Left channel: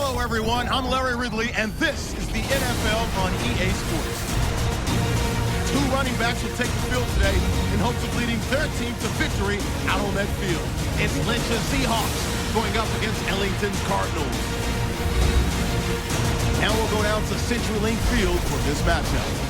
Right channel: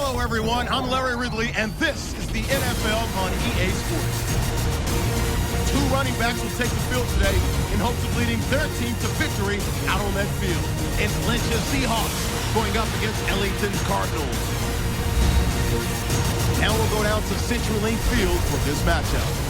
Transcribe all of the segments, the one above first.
Hello, everyone. I'm Larry Ridley, and this is the NFL on EA Sports. Two running backs will take the field today in hopes of leading their team to victory out on that field. It's Lynch's Seahawks going up against Ellington's Cardinals. Now we'll go down to CenturyLink Field for this matchup.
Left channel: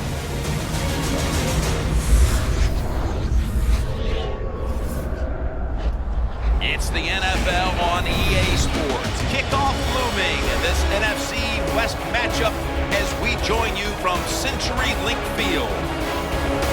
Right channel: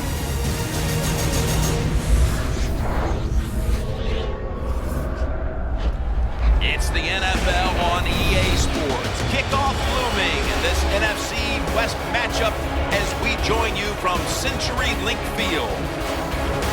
It's the NFL on EA Sports. Kickoff looming in this NFC West matchup as we join you from CenturyLink Field.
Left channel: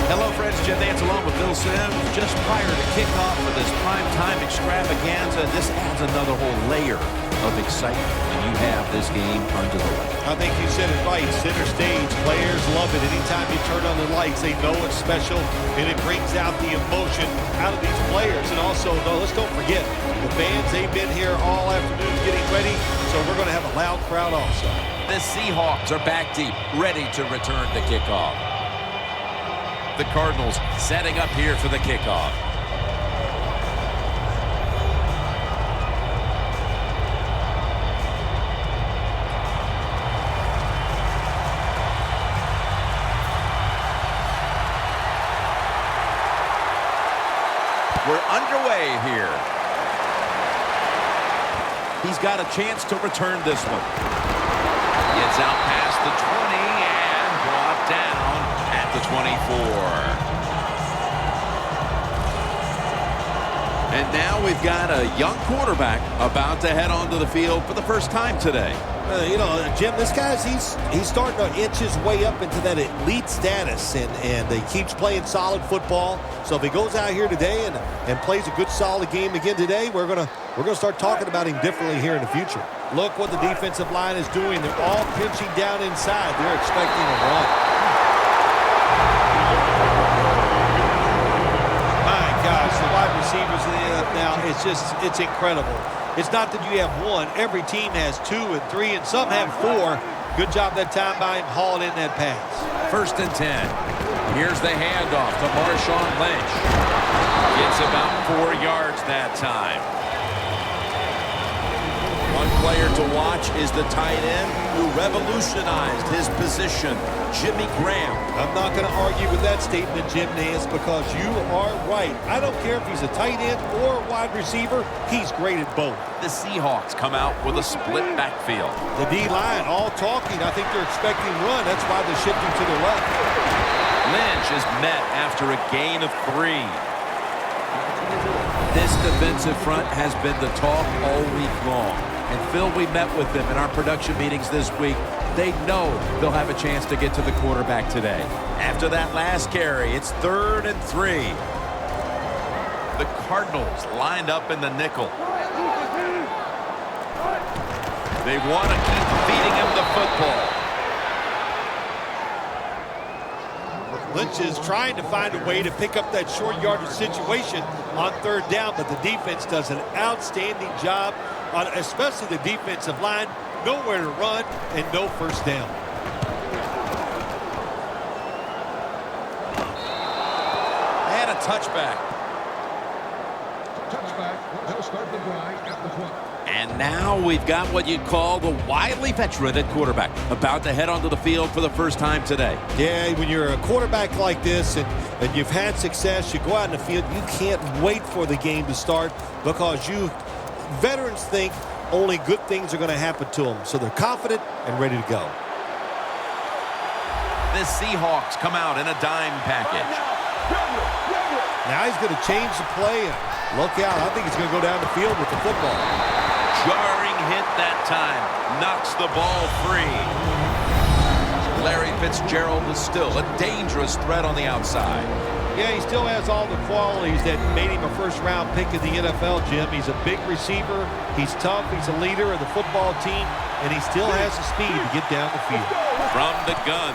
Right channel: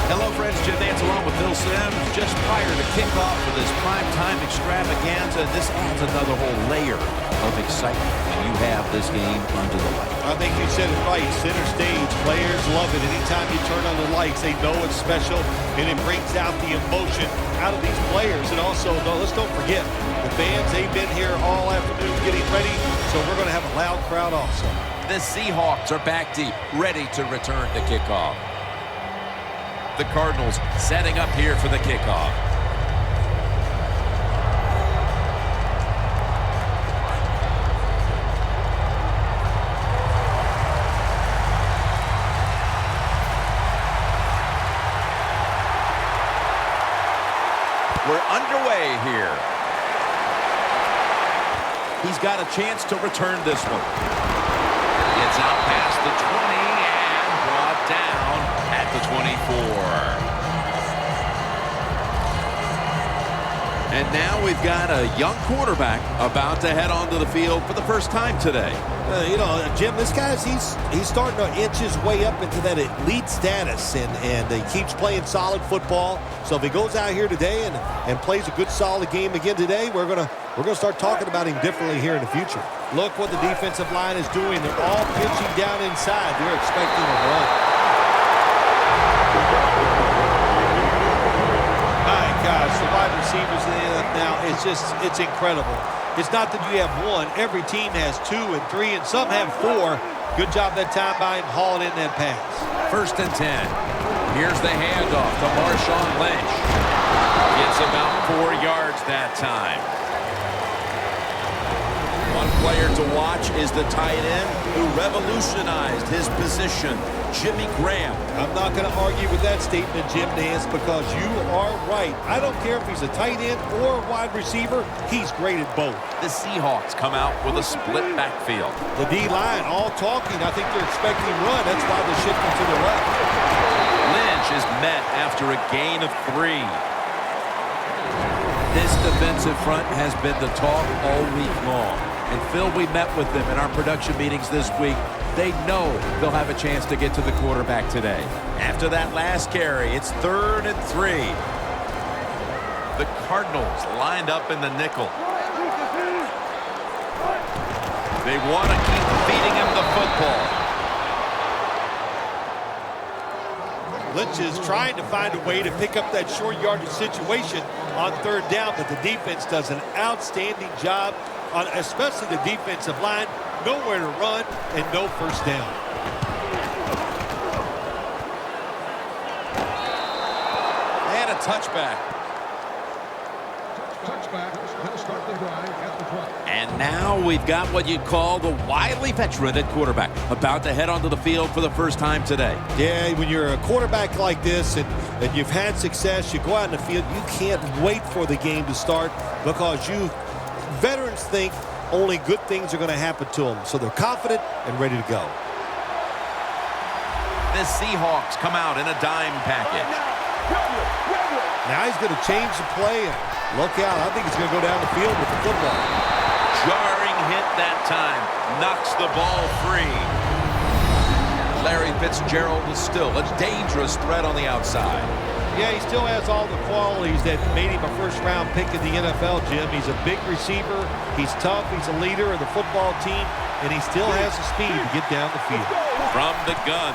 Hello, friends. Jim Nance along with Bill Sims. Just prior to kickoff for this primetime extravaganza, and this adds another whole layer of excitement when you have this game under the light. I think you said it right. Center stage. Players love it. Anytime you turn on the lights, they know it's special, and it brings out the emotion out of these players. And also, let's don't forget, the fans, they've been here all afternoon getting ready, so we're going to have a loud crowd also. The Seahawks are back deep, ready to return to kickoff. The Cardinals setting up here for the kickoff. We're underway here. He's got a chance to return this one. Gets out past the 20 and brought down at the 24. And now we've got a young quarterback about to head onto the field for the first time today. Jim, this guy's he's starting to inch his way up into that elite status, and he keeps playing solid football. So if he goes out here today and plays a good solid game again today, we're gonna start talking about him differently here in the future. Look what the defensive line is doing. They're all pitching down inside. They're expecting a run. My gosh, the wide receivers in the NFL now, it's incredible. It's not that you have one. Every team has 2 and 3, and some have 4. Good job that time by him hauling in that pass. 1st and 10. Here's the handoff to Marshawn Lynch. Gets about 4 yards that time. One player to watch is the tight end who revolutionized his position, Jimmy Graham. I'm not going to argue with that statement, Jim Nance, because you are right. I don't care if he's a tight end or a wide receiver. He's great at both. The Seahawks come out with a split backfield. The D-line all talking. I think they're expecting run. That's why they're shifting to the left. Lynch is met after a gain of 3. This defensive front has been the talk all week long. And Phil, we met with them in our production meetings this week. They know they'll have a chance to get to the quarterback today. After that last carry, it's 3rd and 3. The Cardinals lined up in the nickel. They want to keep feeding him the football. Lynch is trying to find a way to pick up that short yardage situation on 3rd down, but the defense does an outstanding job, especially the defensive line. Nowhere to run and no 1st down. And a touchback. And now we've got what you'd call the wily veteran at quarterback, about to head onto the field for the first time today. Yeah, when you're a quarterback like this and you've had success, you go out in the field, you can't wait for the game to start because veterans think only good things are going to happen to them. So they're confident and ready to go. The Seahawks come out in a dime package. Now he's going to change the play. Look out. I think he's going to go down the field with the football. Jarring hit that time. Knocks the ball free. Larry Fitzgerald is still a dangerous threat on the outside. Yeah, he still has all the qualities that made him a first-round pick in the NFL, Jim. He's a big receiver. He's tough. He's a leader of the football team. And he still has the speed to get down the field. From the gun.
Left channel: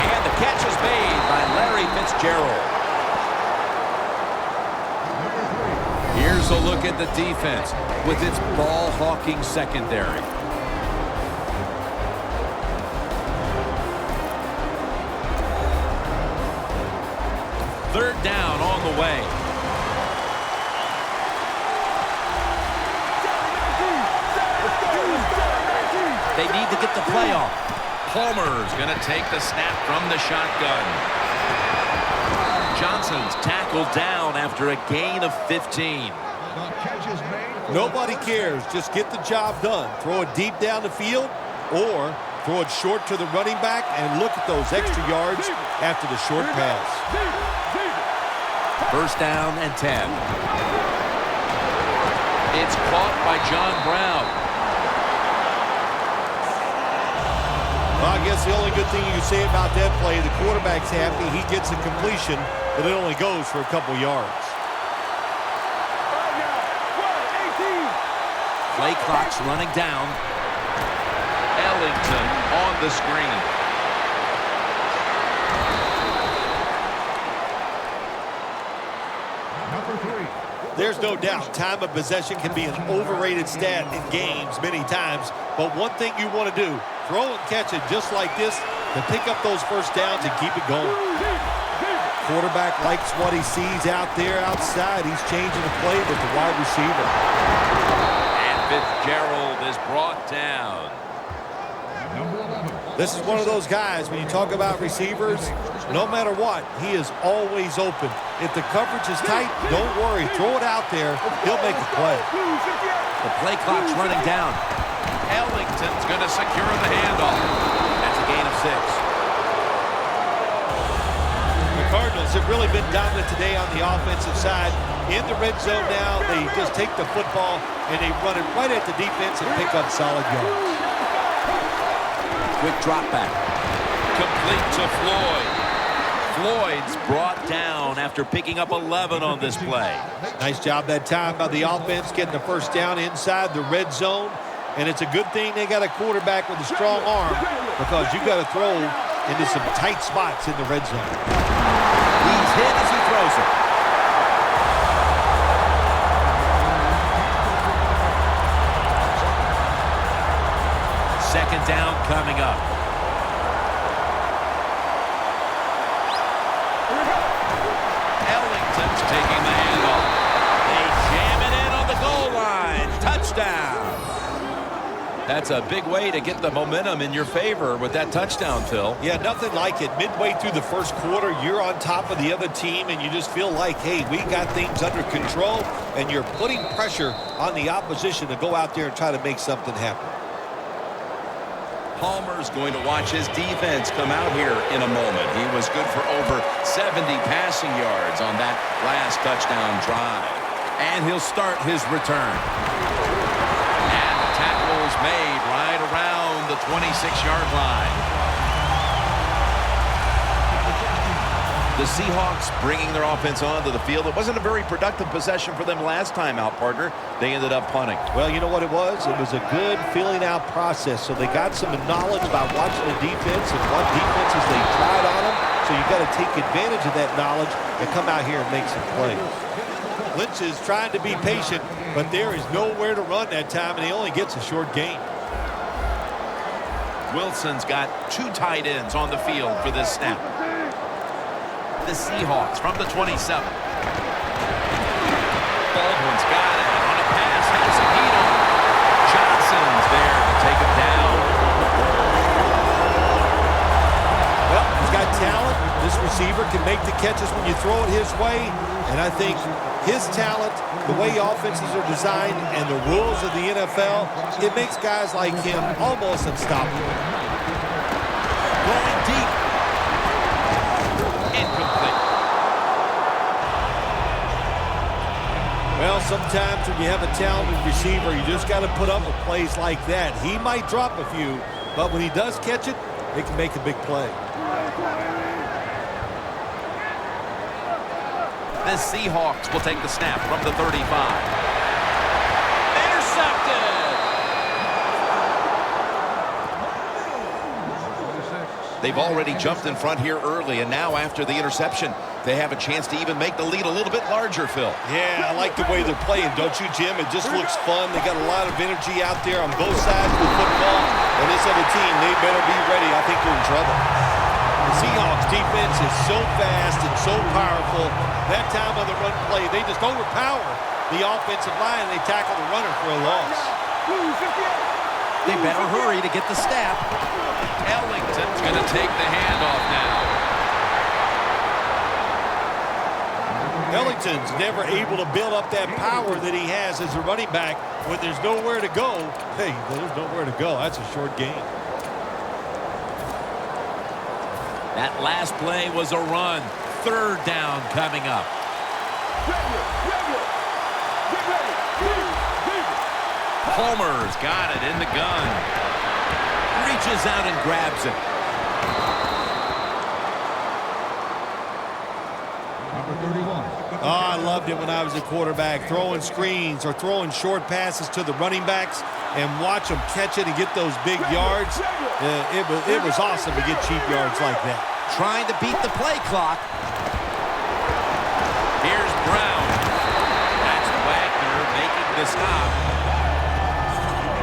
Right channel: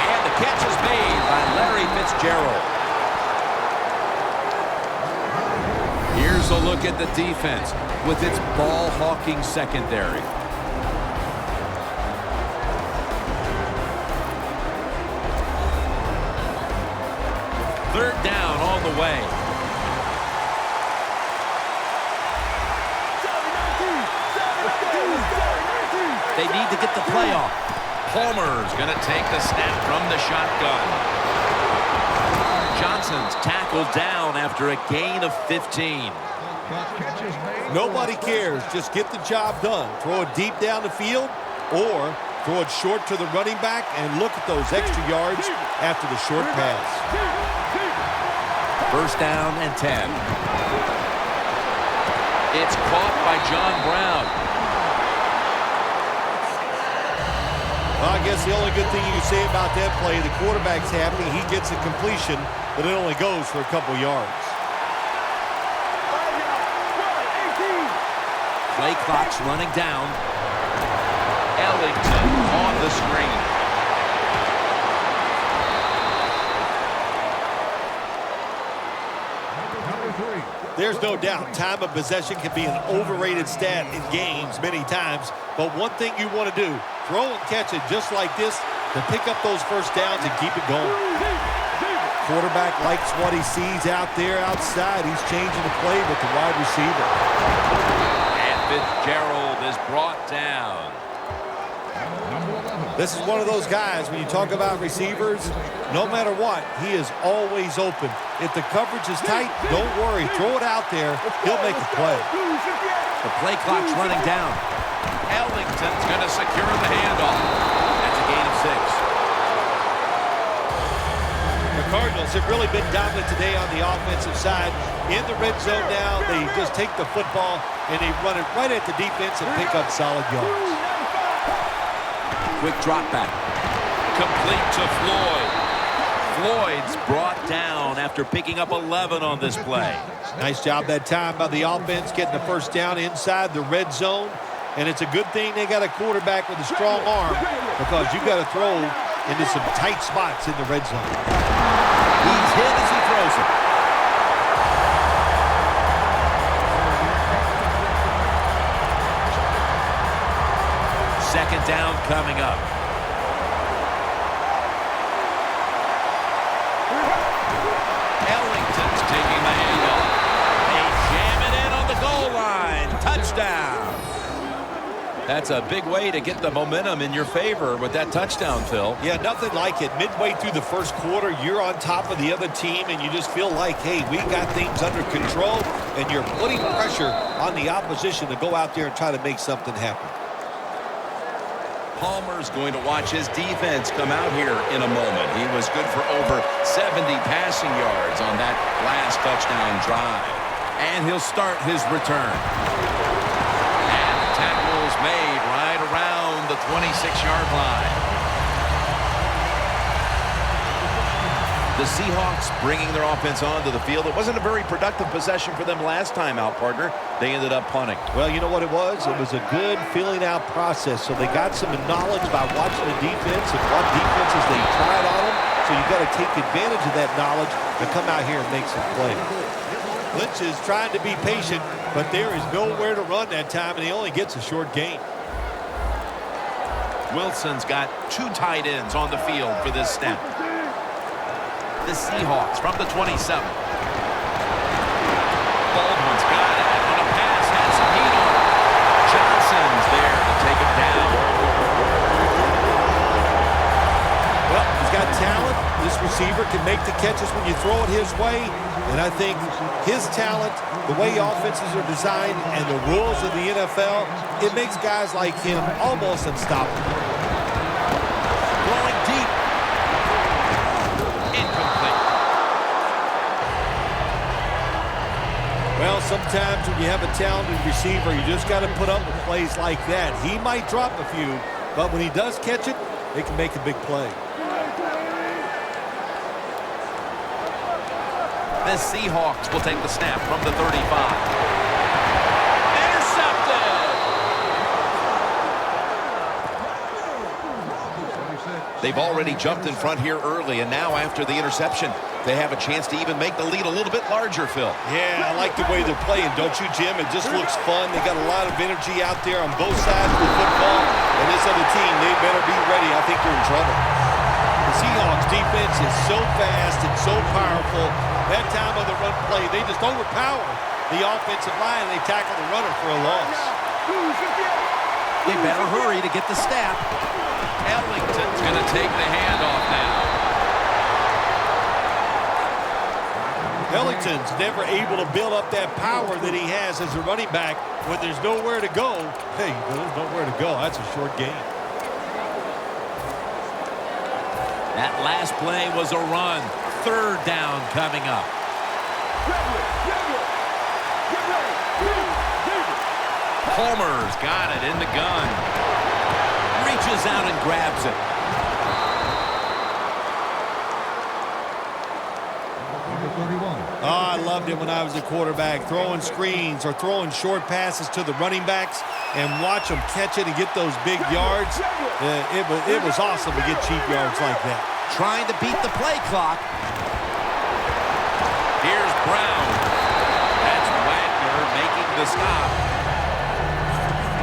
And the catch is made by Larry Fitzgerald. Here's a look at the defense with its ball-hawking secondary. 3rd down on the way. They need to get the play off. Palmer's going to take the snap from the shotgun. Johnson's tackled down after a gain of 15. Nobody cares. Just get the job done. Throw it deep down the field or throw it short to the running back, and look at those extra yards after the short pass. First down and 10. It's caught by John Brown. Well, I guess the only good thing you can say about that play, the quarterback's happy. He gets a completion, but it only goes for a couple yards. Play clock's running down. Ellington on the screen. There's no doubt time of possession can be an overrated stat in games many times, but one thing you want to do, throw and catch it just like this to pick up those first downs and keep it going. Quarterback likes what he sees out there outside. He's changing the play with the wide receiver. And Fitzgerald is brought down. This is one of those guys, when you talk about receivers, no matter what, he is always open. If the coverage is tight, don't worry. Throw it out there. He'll make a play. The play clock's running down. Ellington's going to secure the handoff. That's a gain of 6. The Cardinals have really been dominant today on the offensive side. In the red zone now, they just take the football and they run it right at the defense and pick up solid yards. Quick drop back. Complete to Floyd. Floyd's brought down after picking up 11 on this play. Nice job that time by the offense getting the first down inside the red zone. And it's a good thing they got a quarterback with a strong arm, because you got to throw into some tight spots in the red zone. He's hit as he throws it. Second down coming up. Ellington's taking the handoff. They jam it in on the goal line. Touchdown. That's a big way to get the momentum in your favor with that touchdown, Phil. Yeah, nothing like it. Midway through the first quarter, you're on top of the other team, and you just feel like, hey, we got things under control, and you're putting pressure on the opposition to go out there and try to make something happen. Palmer's going to watch his defense come out here in a moment. He was good for over 70 passing yards on that last touchdown drive. And he'll start his return. And the tackle's made right around the 26-yard line. The Seahawks bringing their offense onto the field. It wasn't a very productive possession for them last time out, partner. They ended up punting. Well, you know what it was? It was a good filling out process. So they got some knowledge about watching the defense and what defenses they tried on them. So you got to take advantage of that knowledge and come out here and make some plays. Lynch is trying to be patient, but there is nowhere to run that time, and he only gets a short gain. Wilson's got 2 tight ends on the field for this snap. The Seahawks from the 27. Baldwin's got it on a pass, had some heat on it. Johnson's there to take him down. Well, he's got talent. This receiver can make the catches when you throw it his way, and I think his talent, the way offenses are designed, and the rules of the NFL, it makes guys like him almost unstoppable. Going deep. Incomplete. Well, sometimes when you have a talented receiver, you just got to put up with plays like that. He might drop a few, but when he does catch it, it can make a big play. The Seahawks will take the snap from the 35. Intercepted! They've already jumped in front here early, and now after the interception, they have a chance to even make the lead a little bit larger, Phil. Yeah, I like the way they're playing, don't you, Jim? It just looks fun. They got a lot of energy out there on both sides of the football, and this other team, they better be ready. I think they're in trouble. The Seahawks defense is so fast and so powerful. That time on the run play, they just overpower the offensive line, and they tackle the runner for a loss. They better hurry to get the snap. Ellington's going to take the handoff now. Ellington's never able to build up that power that he has as a running back when there's nowhere to go. Hey, there's nowhere to go. That's a short game. That last play was a run. Third down coming up. Palmer's got it in the gun. Reaches out and grabs it. Oh, I loved it when I was a quarterback, throwing screens or throwing short passes to the running backs and watch them catch it and get those big yards. It was awesome to get cheap yards like that. Trying to beat the play clock. Here's Brown. That's Wagner making the stop.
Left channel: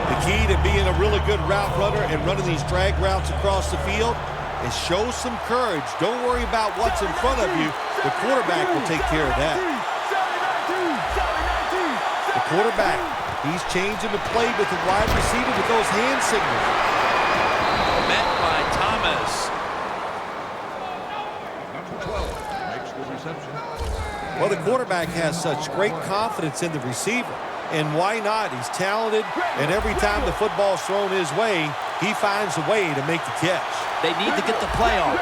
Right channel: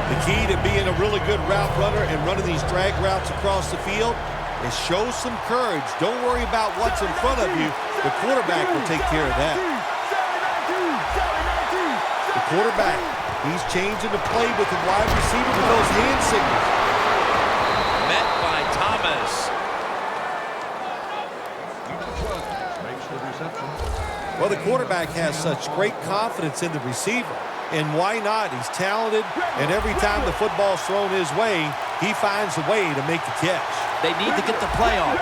The key to being a really good route runner and running these drag routes across the field is show some courage. Don't worry about what's in front of you. The quarterback will take care of that. The quarterback, he's changing the play with the wide receiver with those hand signals. Met by Thomas. Well, the quarterback has such great confidence in the receiver. And why not? He's talented, and every time the football's thrown his way, he finds a way to make the catch. They need to get the play off.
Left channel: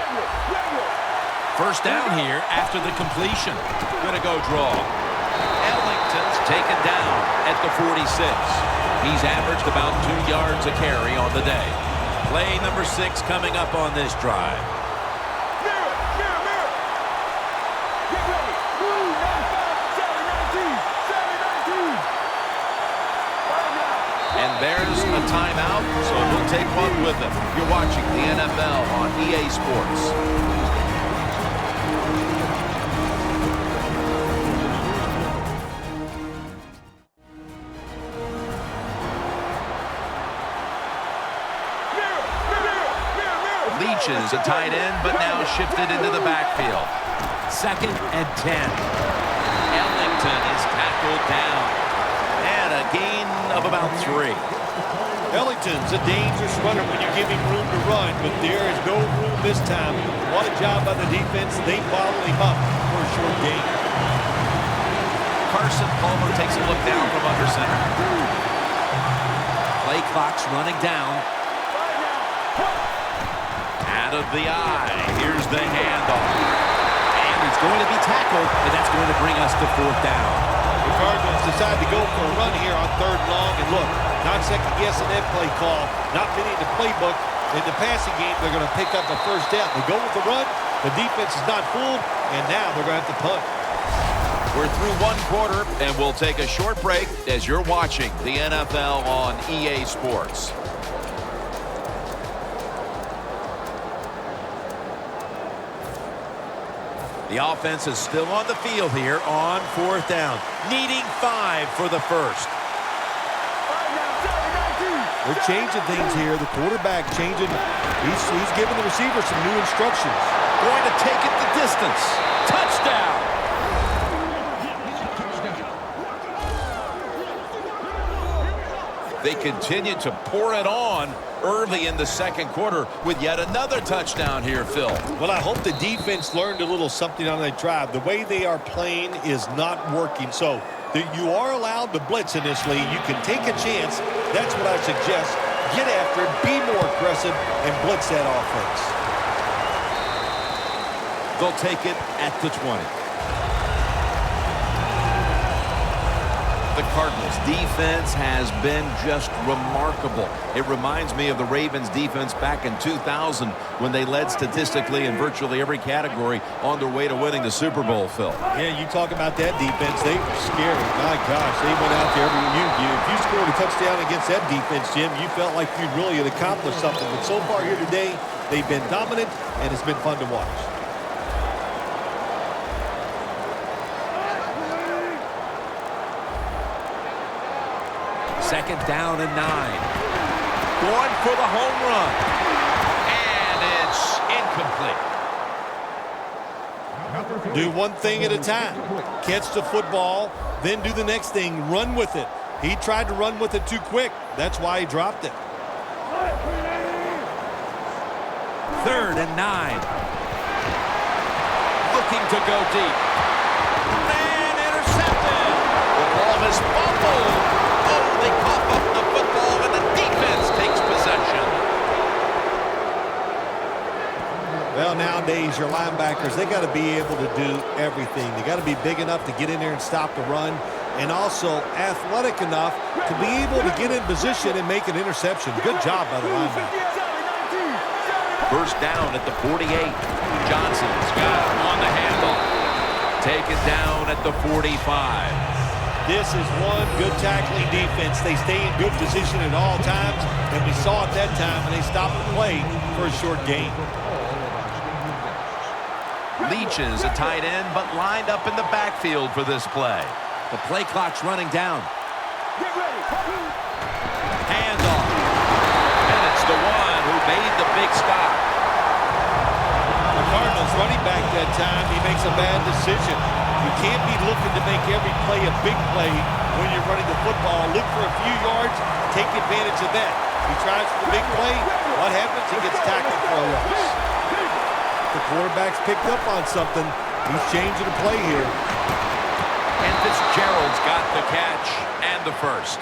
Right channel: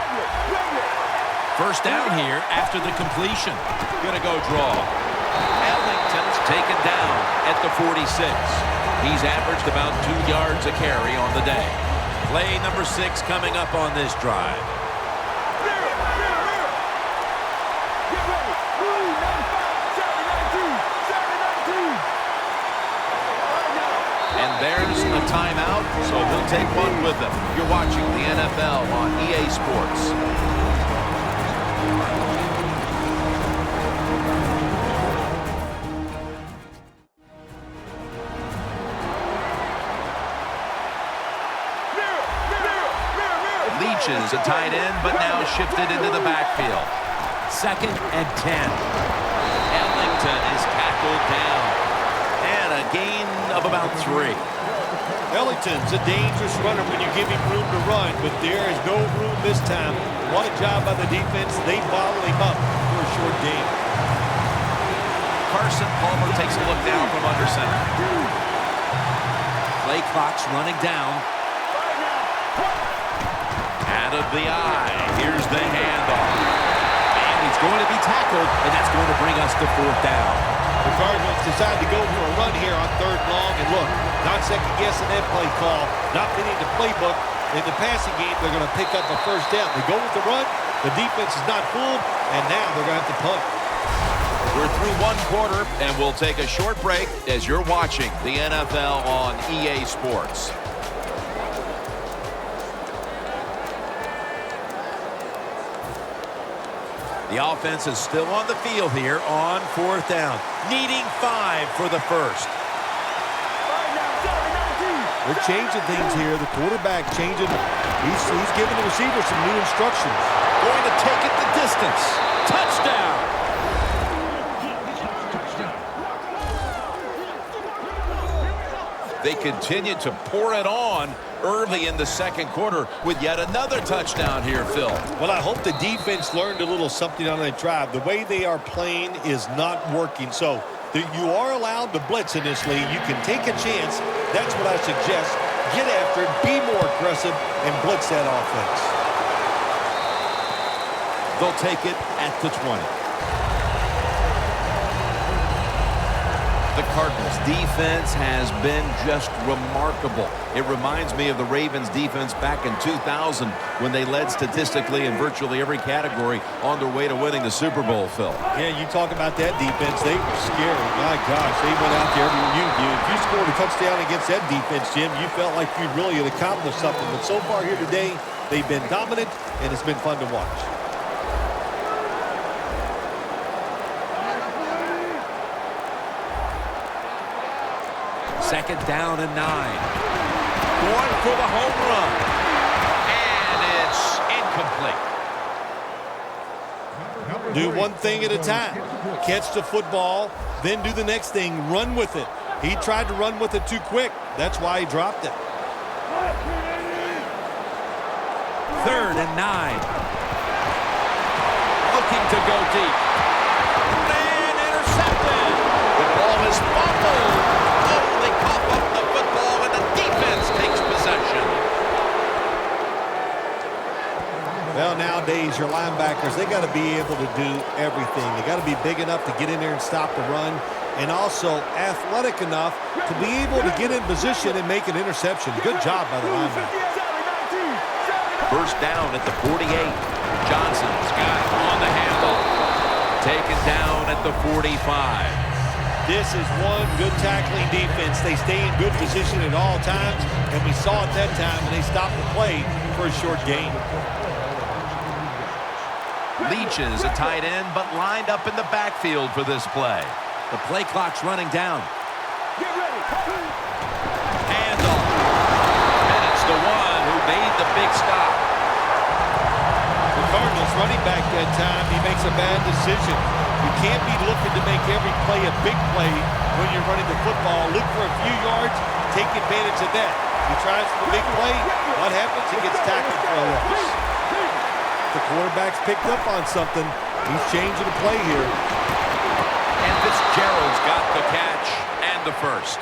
First down here after the completion. Gonna go draw. Ellington's taken down at the 46. He's averaged about 2 yards a carry on the day. Play number 6 coming up on this drive. And there's a timeout, so we'll take one with them. You're watching the NFL on EA Sports. Leach is a tight end, but now shifted into the backfield. 2nd and 10. Ellington is tackled down. And a gain of about 3. Ellington's a dangerous runner when you give him room to run, but there is no room this time. What a job by the defense. They bottle him up for a short gain. Carson Palmer takes a look down from under center. Play clock's running down. Out of the eye. Here's the handoff. And he's going to be tackled, and that's going to bring us to 4th down. The Cardinals decide to go for a run here on 3rd and long. And look, not second-guessing that play call, not fitting the playbook. In the passing game, they're going to pick up a first down. They go with the run. The defense is not fooled, and now they're going to have to punt. We're through 1 quarter, and we'll take a short break as you're watching the NFL on EA Sports. The offense is still on the field here on 4th down. Needing 5 for the first. They're changing things here. The quarterback changing. He's giving the receiver some new instructions. Going to take it the distance. Touchdown. They continue to pour it on early in the 2nd quarter with yet another touchdown here, Phil. Well, I hope the defense learned a little something on that drive. The way they are playing is not working. So you are allowed to blitz in this league. You can take a chance. That's what I suggest. Get after it, be more aggressive, and blitz that offense. They'll take it at the 20. The Cardinals defense has been just remarkable. It reminds me of the Ravens defense back in 2000 when they led statistically in virtually every category on their way to winning the Super Bowl, Phil. Yeah, you talk about that defense. They were scary. My gosh, they went out there. If you scored a touchdown against that defense, Jim, you felt like you really had accomplished something. But so far here today, they've been dominant, and it's been fun to watch. Second down and 9. Going for the home run. And it's incomplete. Do one thing at a time. Catch the football, then do the next thing, run with it. He tried to run with it too quick. That's why he dropped it. 3rd and 9. Looking to go deep. And intercepted. The ball is fumbled. Oh, they cough up the football, and the defense takes possession. Well, nowadays, your linebackers, they got to be able to do everything. They got to be big enough to get in there and stop the run, and also athletic enough to be able to get in position and make an interception. Good job by the linebacker. First down at the 48. Johnson's got it on the handle. Taken down at the 45. This is one good tackling defense. They stay in good position at all times, and we saw it that time, and they stopped the play for a short gain. Leach is a tight end, but lined up in the backfield for this play. The play clock's running down. Get ready. Handoff. Bennett's the one who made the big stop. The Cardinals running back that time, he makes a bad decision. You can't be looking to make every play a big play when you're running the football. Look for a few yards, take advantage of that. He tries for the big play. What happens? He gets tackled for a loss. The quarterback's picked up on something. He's changing the play here. And Fitzgerald's got the catch and the first.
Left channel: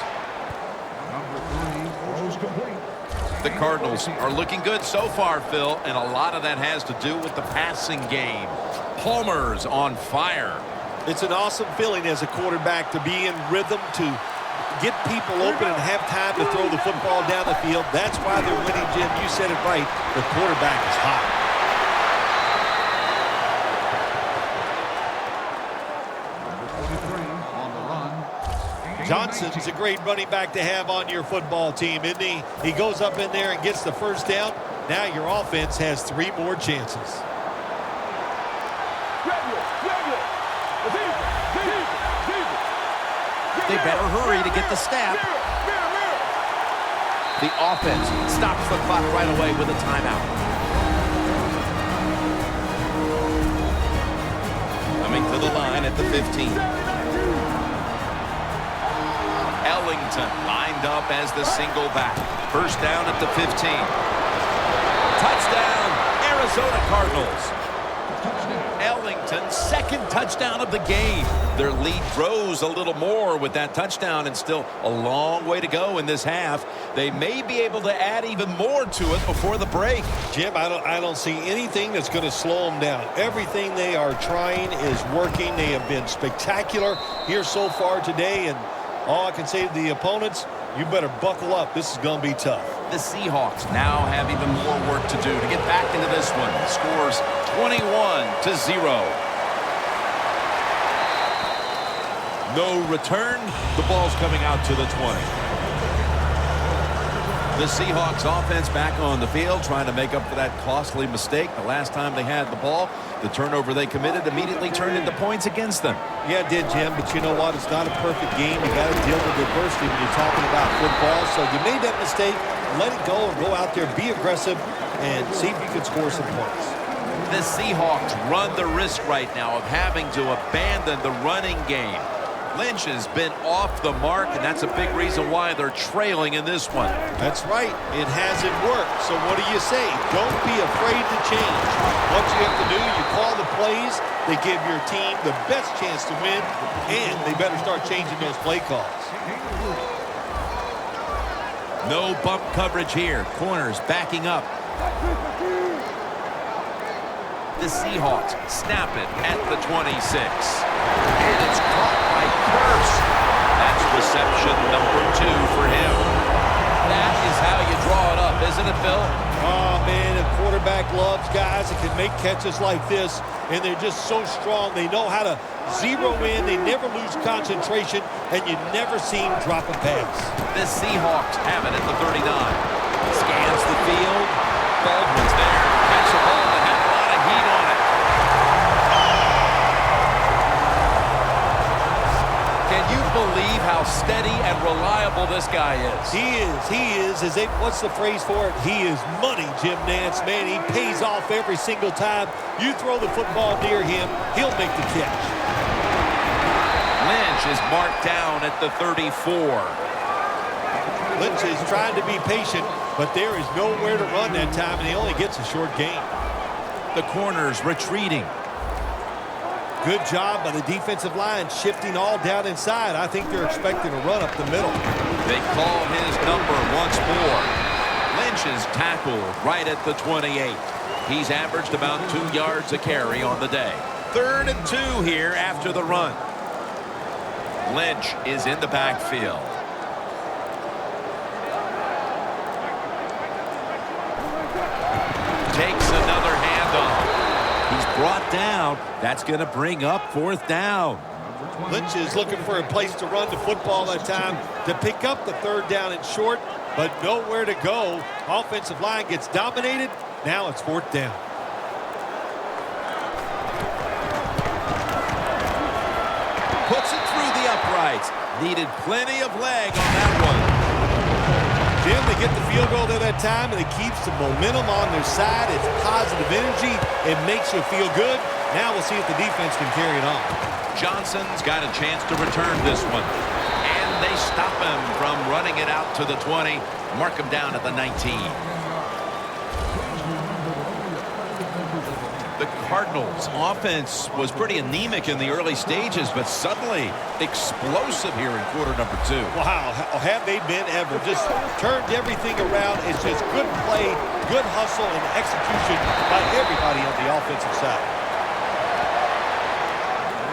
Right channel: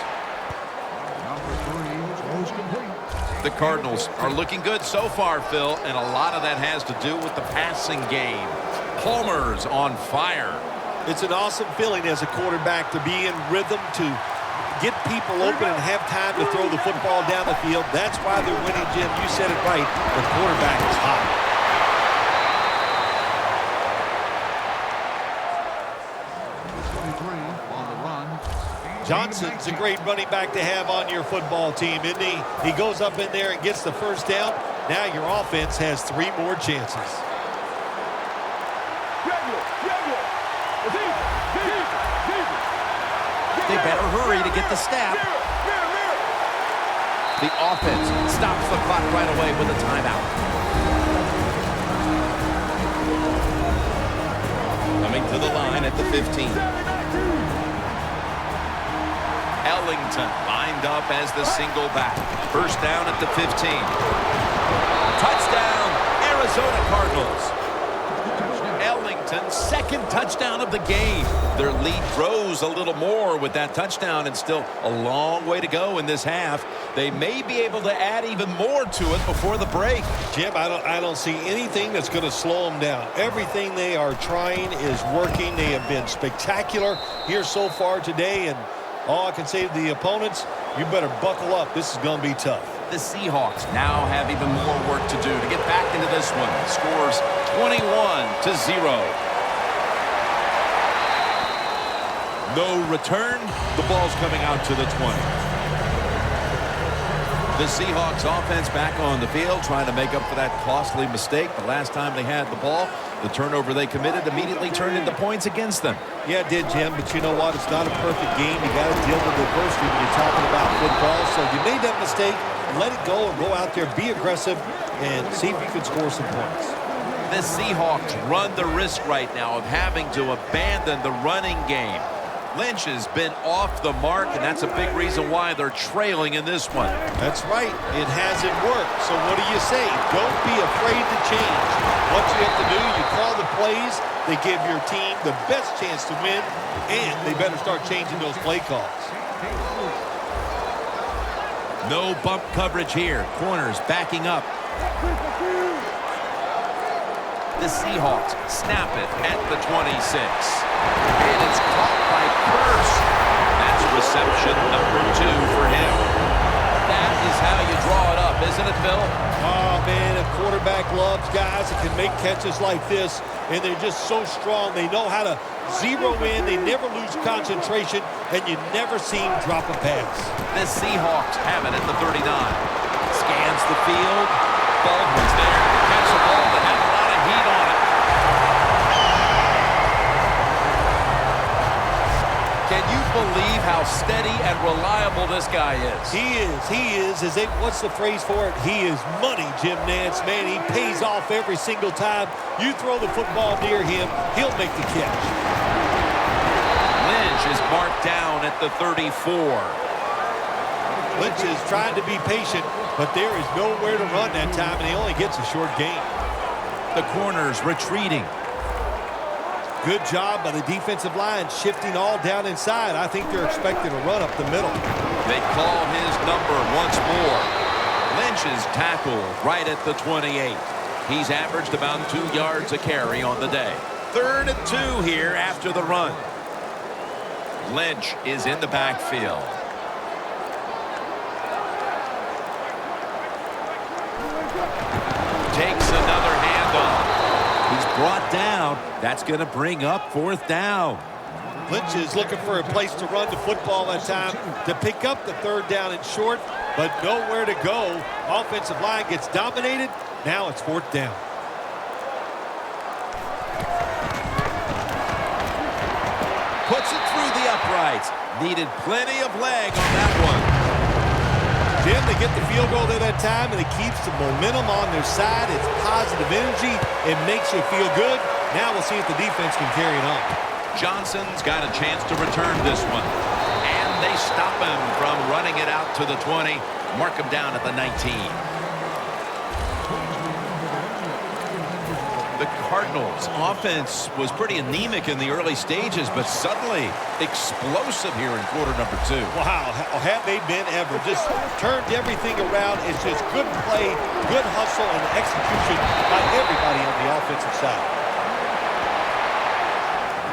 The Cardinals are looking good so far, Phil, and a lot of that has to do with the passing game. Palmer's on fire. It's an awesome feeling as a quarterback to be in rhythm, to get people open and have time to throw the football down the field. That's why they're winning, Jim. You said it right. The quarterback is hot. Johnson's a great running back to have on your football team, isn't he? He goes up in there and gets the first down. Now your offense has 3 more chances. They better hurry to get the snap. The offense stops the clock right away with a timeout. Coming to the line at the 15. Ellington lined up as the single back. First down at the 15. Touchdown, Arizona Cardinals. Ellington's second touchdown of the game. Their lead grows a little more with that touchdown, and still a long way to go in this half. They may be able to add even more to it before the break. Jim, I don't see anything that's going to slow them down. Everything they are trying is working. They have been spectacular here so far today, and all I can say to the opponents, you better buckle up. This is going to be tough. The Seahawks now have even more work to do to get back into this one. Scores 21-0. No return. The ball's coming out to the 20. The Seahawks offense back on the field, trying to make up for that costly mistake the last time they had the ball. The turnover they committed immediately turned into points against them. Yeah, it did, Jim, but you know what? It's not a perfect game. You got to deal with adversity when you're talking about football. So you made that mistake, let it go, and go out there, be aggressive, and see if you can score some points. The Seahawks run the risk right now of having to abandon the running game. Lynch has been off the mark, and that's a big reason why they're trailing in this one. That's right. It hasn't worked. So what do you say? Don't be afraid to change. What you have to do, you call the plays. They give your team the best chance to win, and they better start changing those play calls. No bump coverage here. Corners backing up. The Seahawks snap it at the 26. And it's caught by Curse. That's reception number 2 for him. That is how you draw it up, isn't it, Phil? Oh, man, a quarterback loves guys that can make catches like this, and they're just so strong. They know how to zero in. They never lose concentration, and you never see them drop a pass. The Seahawks have it at the 39. Scans the field. Baldwin's there to catch the ball that had a lot of heat on it. Can you believe how steady and reliable this guy is? He is. What's the phrase for it? He is money, Jim Nance. Man, he pays off every single time. You throw the football near him, he'll make the catch. Lynch is marked down at the 34. Lynch is trying to be patient. but there is nowhere to run that time, and he only gets a short gain. The corners retreating. Good job by the defensive line, shifting all down inside. I think they're expecting a run up the middle. They call his number once more. Lynch is tackled right at the 28. He's averaged about 2 yards a carry on the day. 3rd and 2 here after the run. Lynch is in the backfield. Takes another handoff. He's brought down. That's going to bring up 4th down. Lynch is looking for a place to run the football that time to pick up the 3rd down and short, but nowhere to go. Offensive line gets dominated. Now it's 4th down. Puts it through the uprights. Needed plenty of leg on that one. Jim, they get the field goal there that time, and it keeps the momentum on their side. It's positive energy. It makes you feel good. Now we'll see if the defense can carry it on. Johnson's got a chance to return this one. And they stop him from running it out to the 20. Mark him down at the 19. The Cardinals' offense was pretty anemic in the early stages, but suddenly explosive here in quarter number 2. Wow, have they been ever. Just turned everything around. It's just good play, good hustle, and execution by everybody on the offensive side.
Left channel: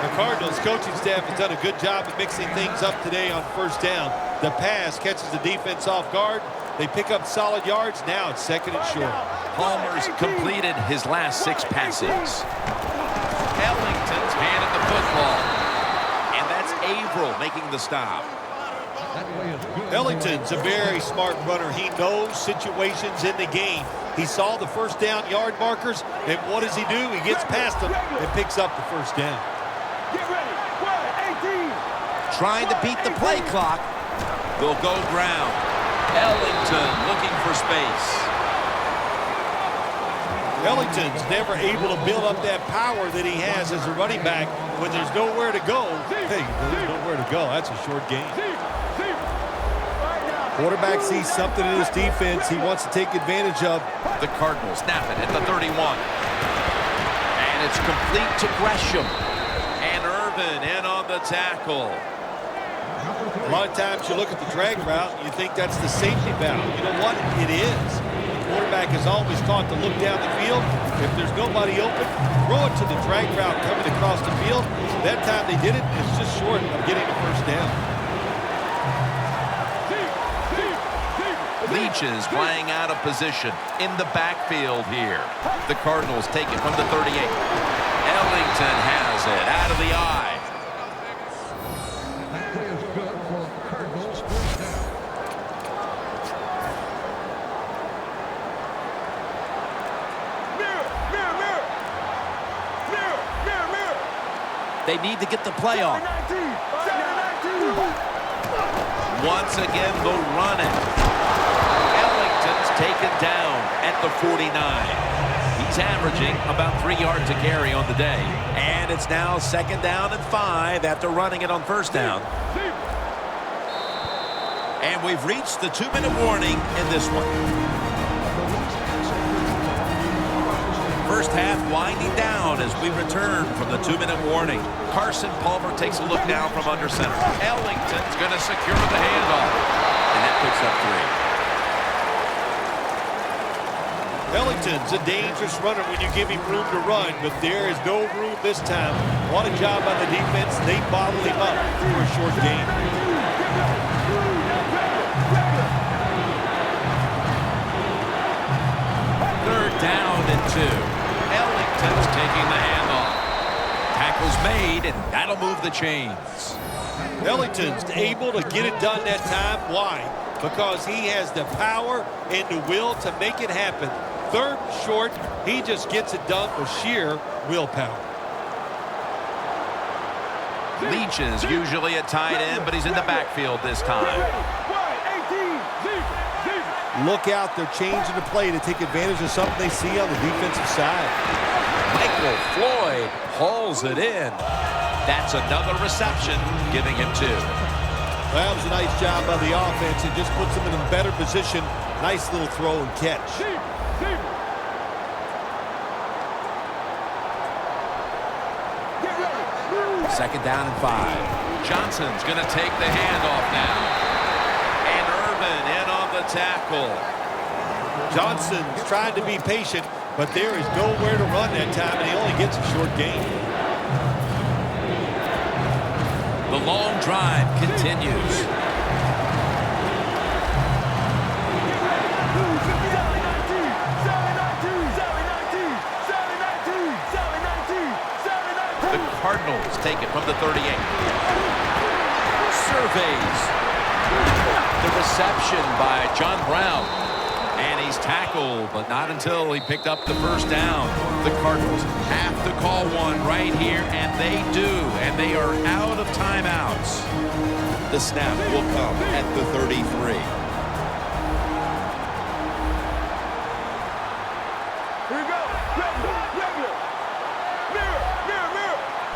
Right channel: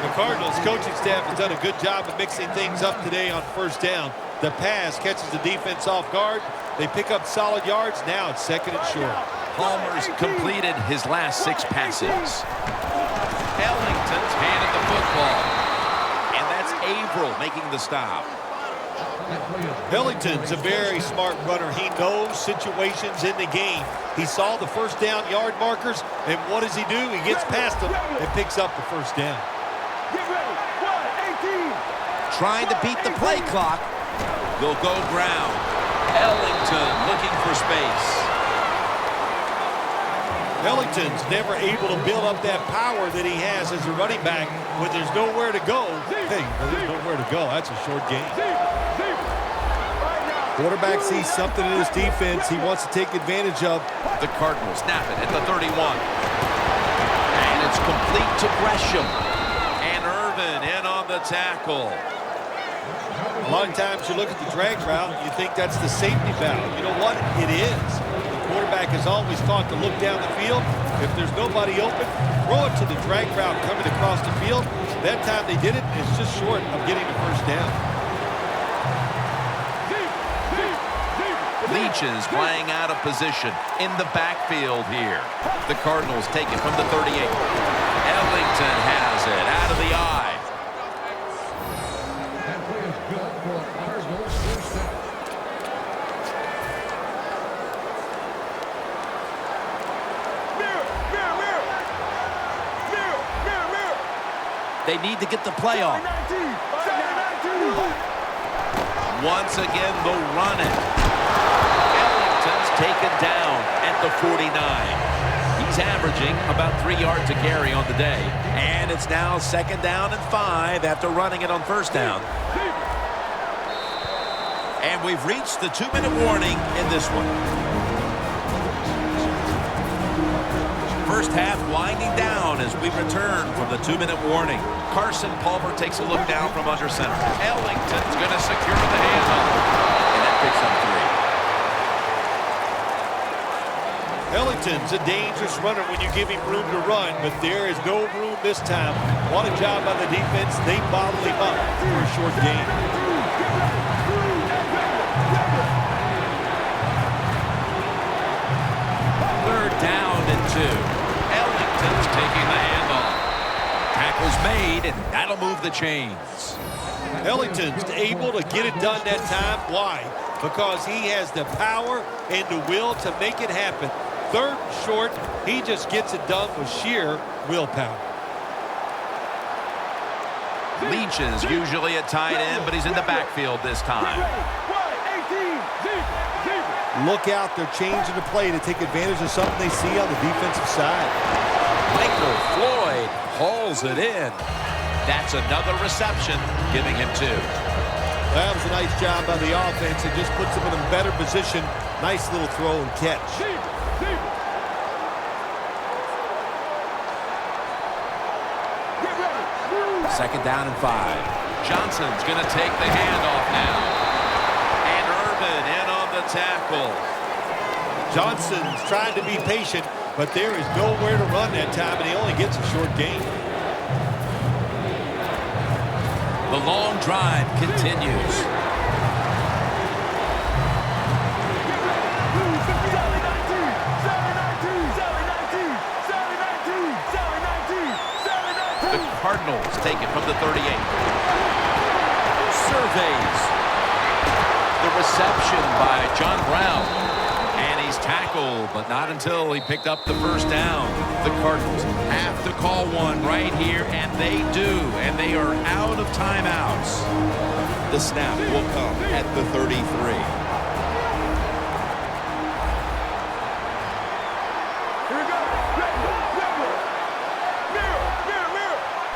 The Cardinals coaching staff has done a good job of mixing things up today on 1st down. The pass catches the defense off guard. They pick up solid yards. Now it's 2nd and short. Palmer's completed his last 6 passes. Ellington's handed the football. And that's Averill making the stop. Ellington's a very smart runner. He knows situations in the game. He saw the 1st down yard markers, and what does he do? He gets past them and picks up the 1st down. Get ready. 1-18. Trying to beat the play clock. They'll go ground. Ellington looking for space. Ellington's never able to build up that power that he has as a running back when there's nowhere to go. Hey, there's nowhere to go. That's a short gain. Quarterback sees something in his defense he wants to take advantage of. The Cardinals snap it at the 31. And it's complete to Gresham. And Irvin in on the tackle. A lot of times you look at the drag route and you think that's the safety valve. You know what? It is. The quarterback is always taught to look down the field. If there's nobody open, throw it to the drag route coming across the field. That time they did it. It's just short of getting the 1st down. Leach is playing out of position in the backfield here. The Cardinals take it from the 38. Ellington has it out of the eye. They need to get the play off. Once again, they'll run it. Ellington's taken down at the 49. He's averaging about 3 yards a carry on the day. And it's now 2nd down and 5 after running it on 1st down. And we've reached the 2-minute warning in this one. First half winding down as we return from the 2-minute warning. Carson Palmer takes a look down from under center. Ellington's going to secure the handoff. And that picks up 3. Ellington's a dangerous runner when you give him room to run, but there is no room this time. What a job by the defense. They bottle him up for a short gain. Third down and 2. Ellington's taking the handoff. Tackle's made, and that'll move the chains. Ellington's able to get it done that time. Why? Because he has the power and the will to make it happen. 3rd and short, he just gets it done with sheer willpower. Leach is usually at tight end, but he's in the backfield this time. Look out, they're changing the play to take advantage of something they see on the defensive side. Michael Floyd hauls it in. That's another reception, giving him 2. That was a nice job by the offense. It just puts them in a better position. Nice little throw and catch. Second down and 5. Johnson's going to take the handoff now. And Irvin in on the tackle. Johnson's trying to be patient, but there is nowhere to run that time, and he only gets a short gain. The long drive continues. The Cardinals take it from the 38. Surveys. The reception by John Brown. And he's tackled, but not until he picked up the first down. The Cardinals have to call one right here, and they do. And they are out of timeouts. The snap will come at the 33.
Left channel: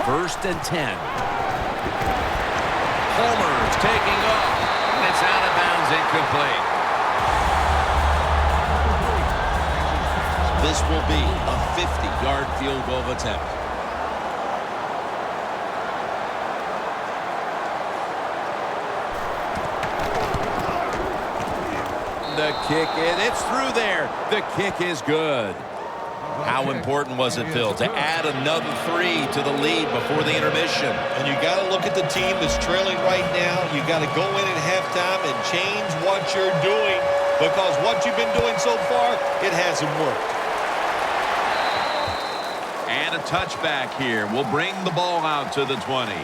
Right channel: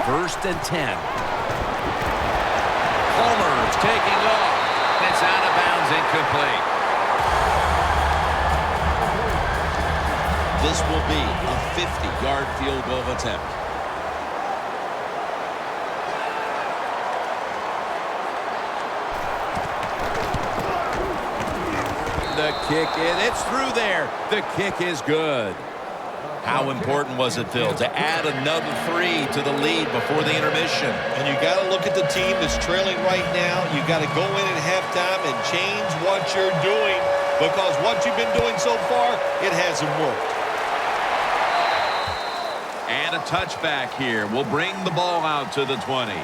First and 10. Palmer's taking off. And it's out of bounds, incomplete. This will be a 50-yard field goal attempt. The kick, and it's through there. The kick is good. How important was it, Phil, to add another 3 to the lead before the intermission? And you got to look at the team that's trailing right now. You got to go in at halftime and change what you're doing, because what you've been doing so far, it hasn't worked. And a touchback here will bring the ball out to the 20.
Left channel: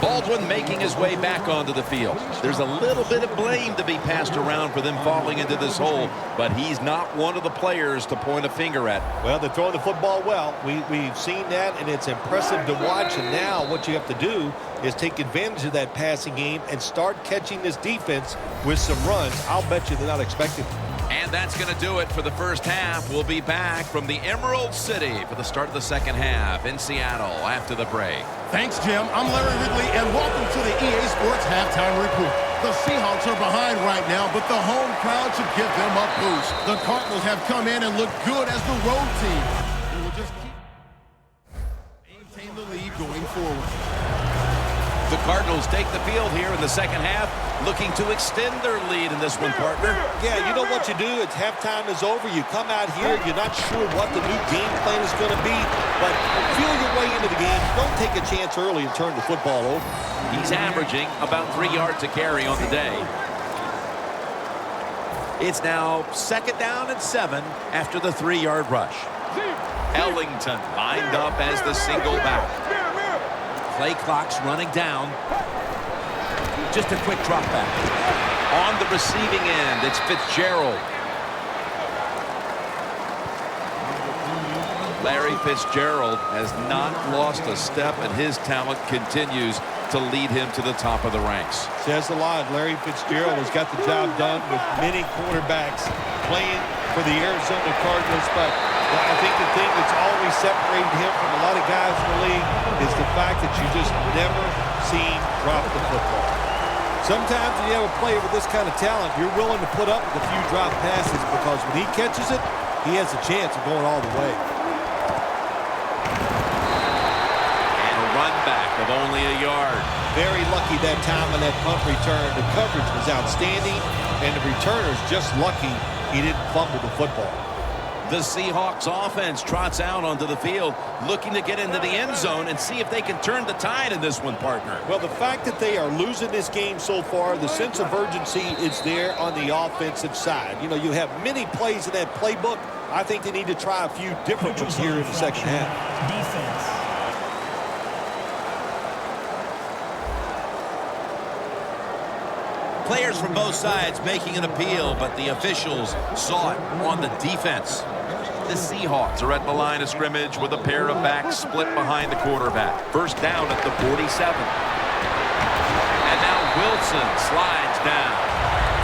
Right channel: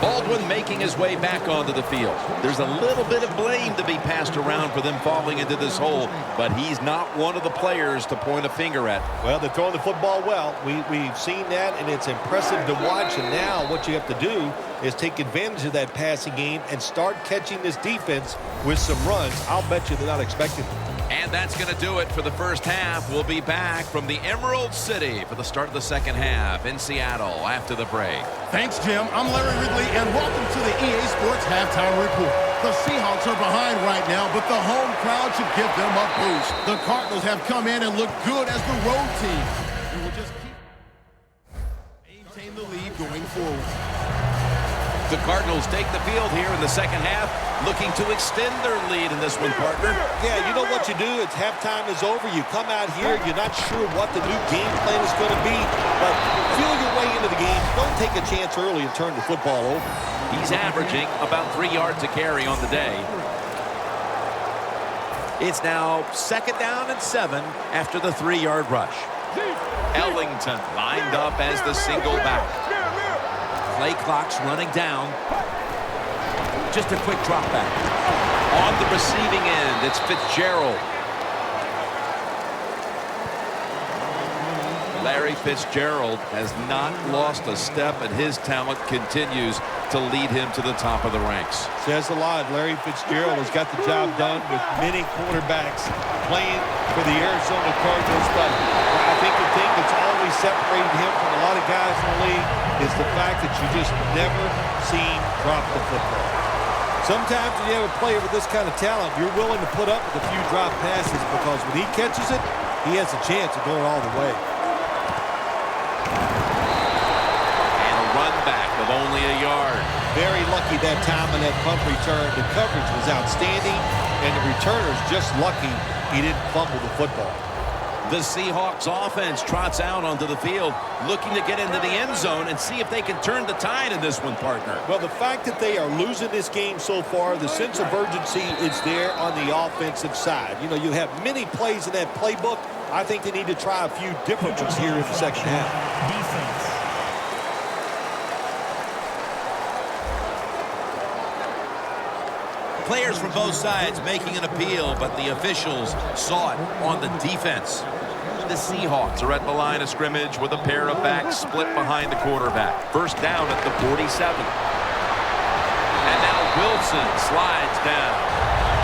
Baldwin making his way back onto the field. There's a little bit of blame to be passed around for them falling into this hole, but he's not one of the players to point a finger at. Well, they're throwing the football well. We've seen that, and it's impressive to watch. And now what you have to do is take advantage of that passing game and start catching this defense with some runs. I'll bet you they're not expecting it. And that's going to do it for the first half. We'll be back from the Emerald City for the start of the second half in Seattle after the break. Thanks, Jim. I'm Larry Ridley, and welcome to the EA Sports Halftime Report. The Seahawks are behind right now, but the home crowd should give them a boost. The Cardinals have come in and look good as the road team, and we'll just maintain the lead going forward. The Cardinals take the field here in the second half, looking to extend their lead in this one, partner. Yeah, you know what you do? It's halftime is over. You come out here. You're not sure what the new game plan is going to be, but feel your way into the game. Don't take a chance early and turn the football over. He's averaging about 3 yards a carry on the day. It's now second down and 7 after the 3-yard rush. Ellington lined up as the single back. Play clock's running down. Just a quick drop back. On the receiving end, it's Fitzgerald. Larry Fitzgerald has not lost a step, and his talent continues to lead him to the top of the ranks. Says a lot. Larry Fitzgerald has got the job done with many quarterbacks playing for the Arizona Cardinals, but I think the thing that's always separated him from a lot of guys in the league is the fact that you just never see him drop the football. Sometimes when you have a player with this kind of talent, you're willing to put up with a few drop passes, because when he catches it, he has a chance of going all the way. Run back of only a yard. Very lucky that time on that punt return. The coverage was outstanding, and the returner's just lucky he didn't fumble the football. The Seahawks offense trots out onto the field, looking to get into the end zone and see if they can turn the tide in this one, partner. Well, the fact that they are losing this game so far, the sense of urgency is there on the offensive side. You know, you have many plays in that playbook. I think they need to try a few different ones here in the second half. Defense. Players from both sides making an appeal, but the officials saw it on the defense. The Seahawks are at the line of scrimmage with a pair of backs split behind the quarterback. First down at the 47. And now Wilson slides down.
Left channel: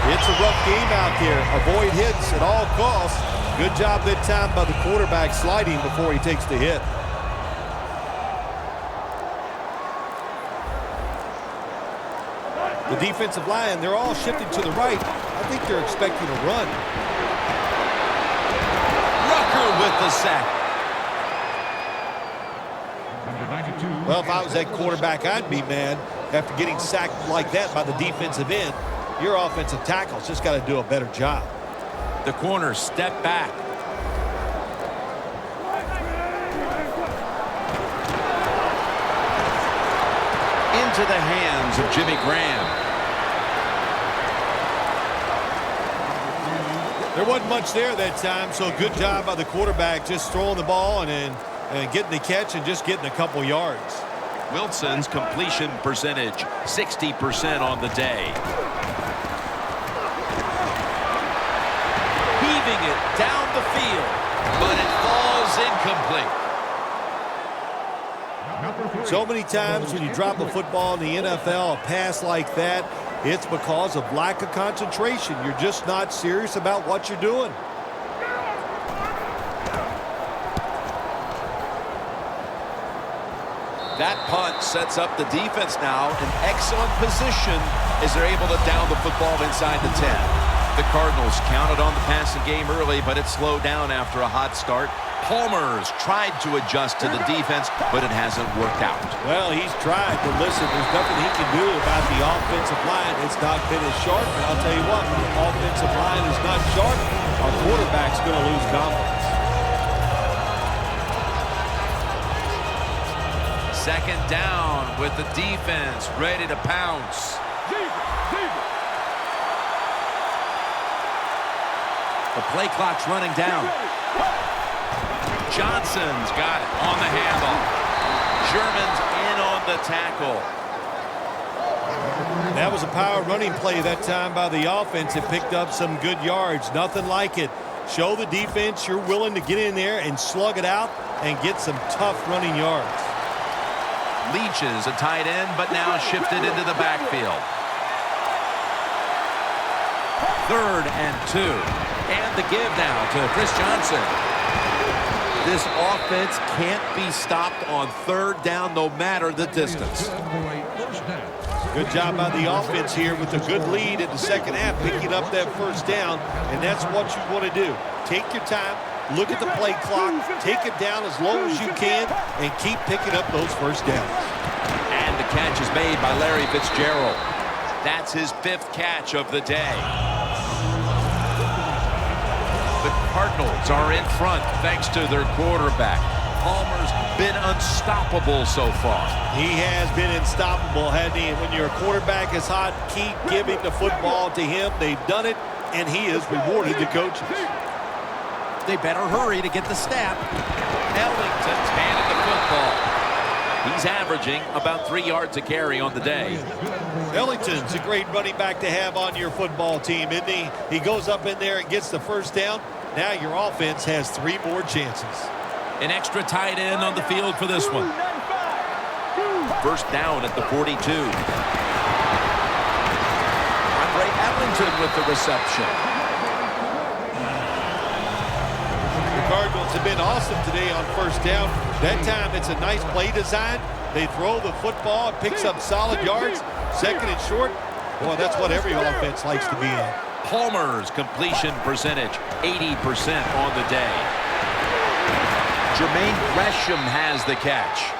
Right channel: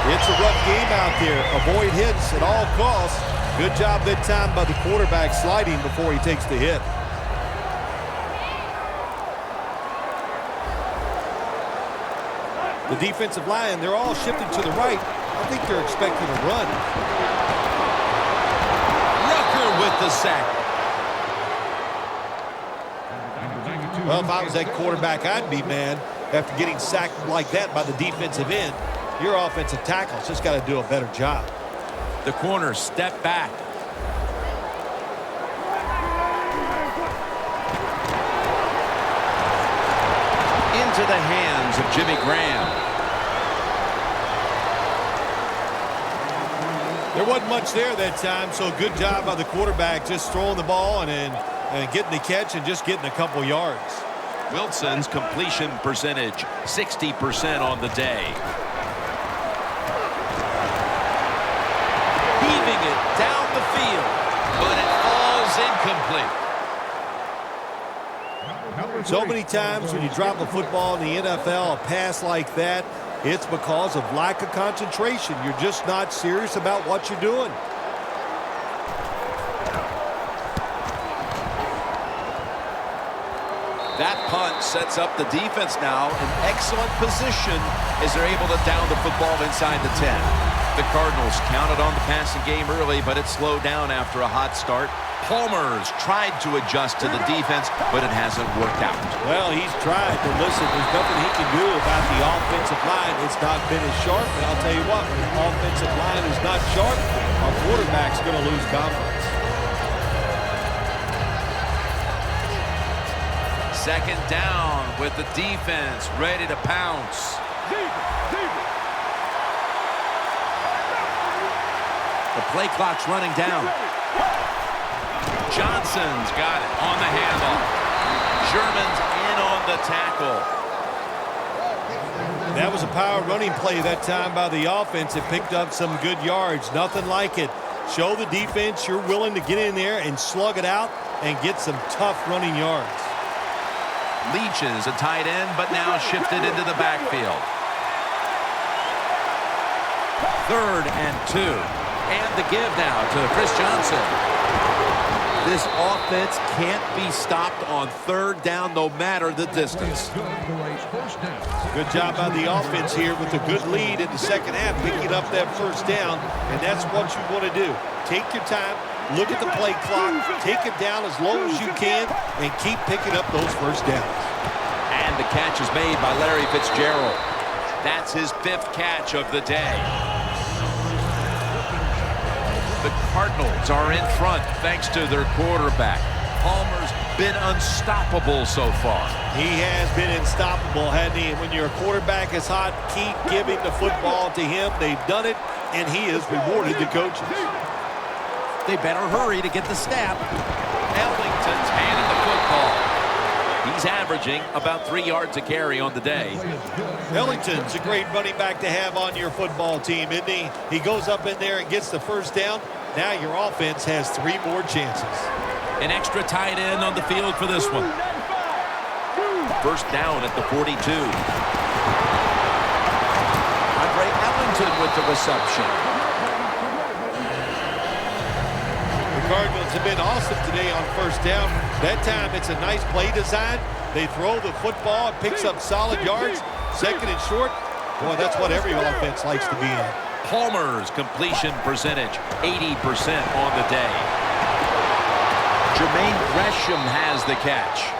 It's a rough game out there. Avoid hits at all costs. Good job that time by the quarterback sliding before he takes the hit. The defensive line, they're all shifting to the right. I think they're expecting a run. Rucker with the sack. Well, if I was that quarterback, I'd be mad after getting sacked like that by the defensive end. Your offensive tackle's just got to do a better job. The corner step back. Into the hands of Jimmy Graham. There wasn't much there that time, so good job by the quarterback just throwing the ball and getting the catch and just getting a couple yards. Wilson's completion percentage, 60% on the day. Heaving it down the field, but it falls incomplete. So many times when you drop a football in the NFL, a pass like that, it's because of lack of concentration. You're just not serious about what you're doing. That punt sets up the defense now in excellent position as they're able to down the football inside the 10. The Cardinals counted on the passing game early, but it slowed down after a hot start. Palmer's tried to adjust to the defense, but it hasn't worked out. Well, he's tried, but listen, there's nothing he can do about the offensive line. It's not been as sharp, and I'll tell you what, when the offensive line is not sharp, our quarterback's going to lose confidence. Second down with the defense ready to pounce. The play clock's running down. Johnson's got it on the handoff. Sherman's in on the tackle. That was a power running play that time by the offense. It picked up some good yards. Nothing like it. Show the defense you're willing to get in there and slug it out and get some tough running yards. Leach is a tight end, but now shifted into the backfield. 3rd and 2. And the give now to Chris Johnson. This offense can't be stopped on 3rd down no matter the distance. Good job by the offense here with a good lead in the second half, picking up that first down, and that's what you want to do. Take your time, look at the play clock, take it down as low as you can, and keep picking up those first downs. And the catch is made by Larry Fitzgerald. That's his 5th catch of the day. The Cardinals are in front thanks to their quarterback. Palmer's been unstoppable so far. He has been unstoppable, hasn't he? And when your quarterback is hot, keep giving the football to him. They've done it, and he has rewarded the coaches. They better hurry to get the snap. Ellington's handed the football. He's averaging about 3 yards a carry on the day. Ellington's a great running back to have on your football team, isn't he? He goes up in there and gets the first down. Now your offense has 3 more chances. An extra tight end on the field for this one. First down at the 42. Andre Ellington with the reception. The Cardinals have been awesome today on first down. That time it's a nice play design. They throw the football, it picks up solid yards. 2nd and short. Boy, that's what every offense likes to be in. Palmer's completion percentage, 80% on the day. Jermaine Gresham has the catch.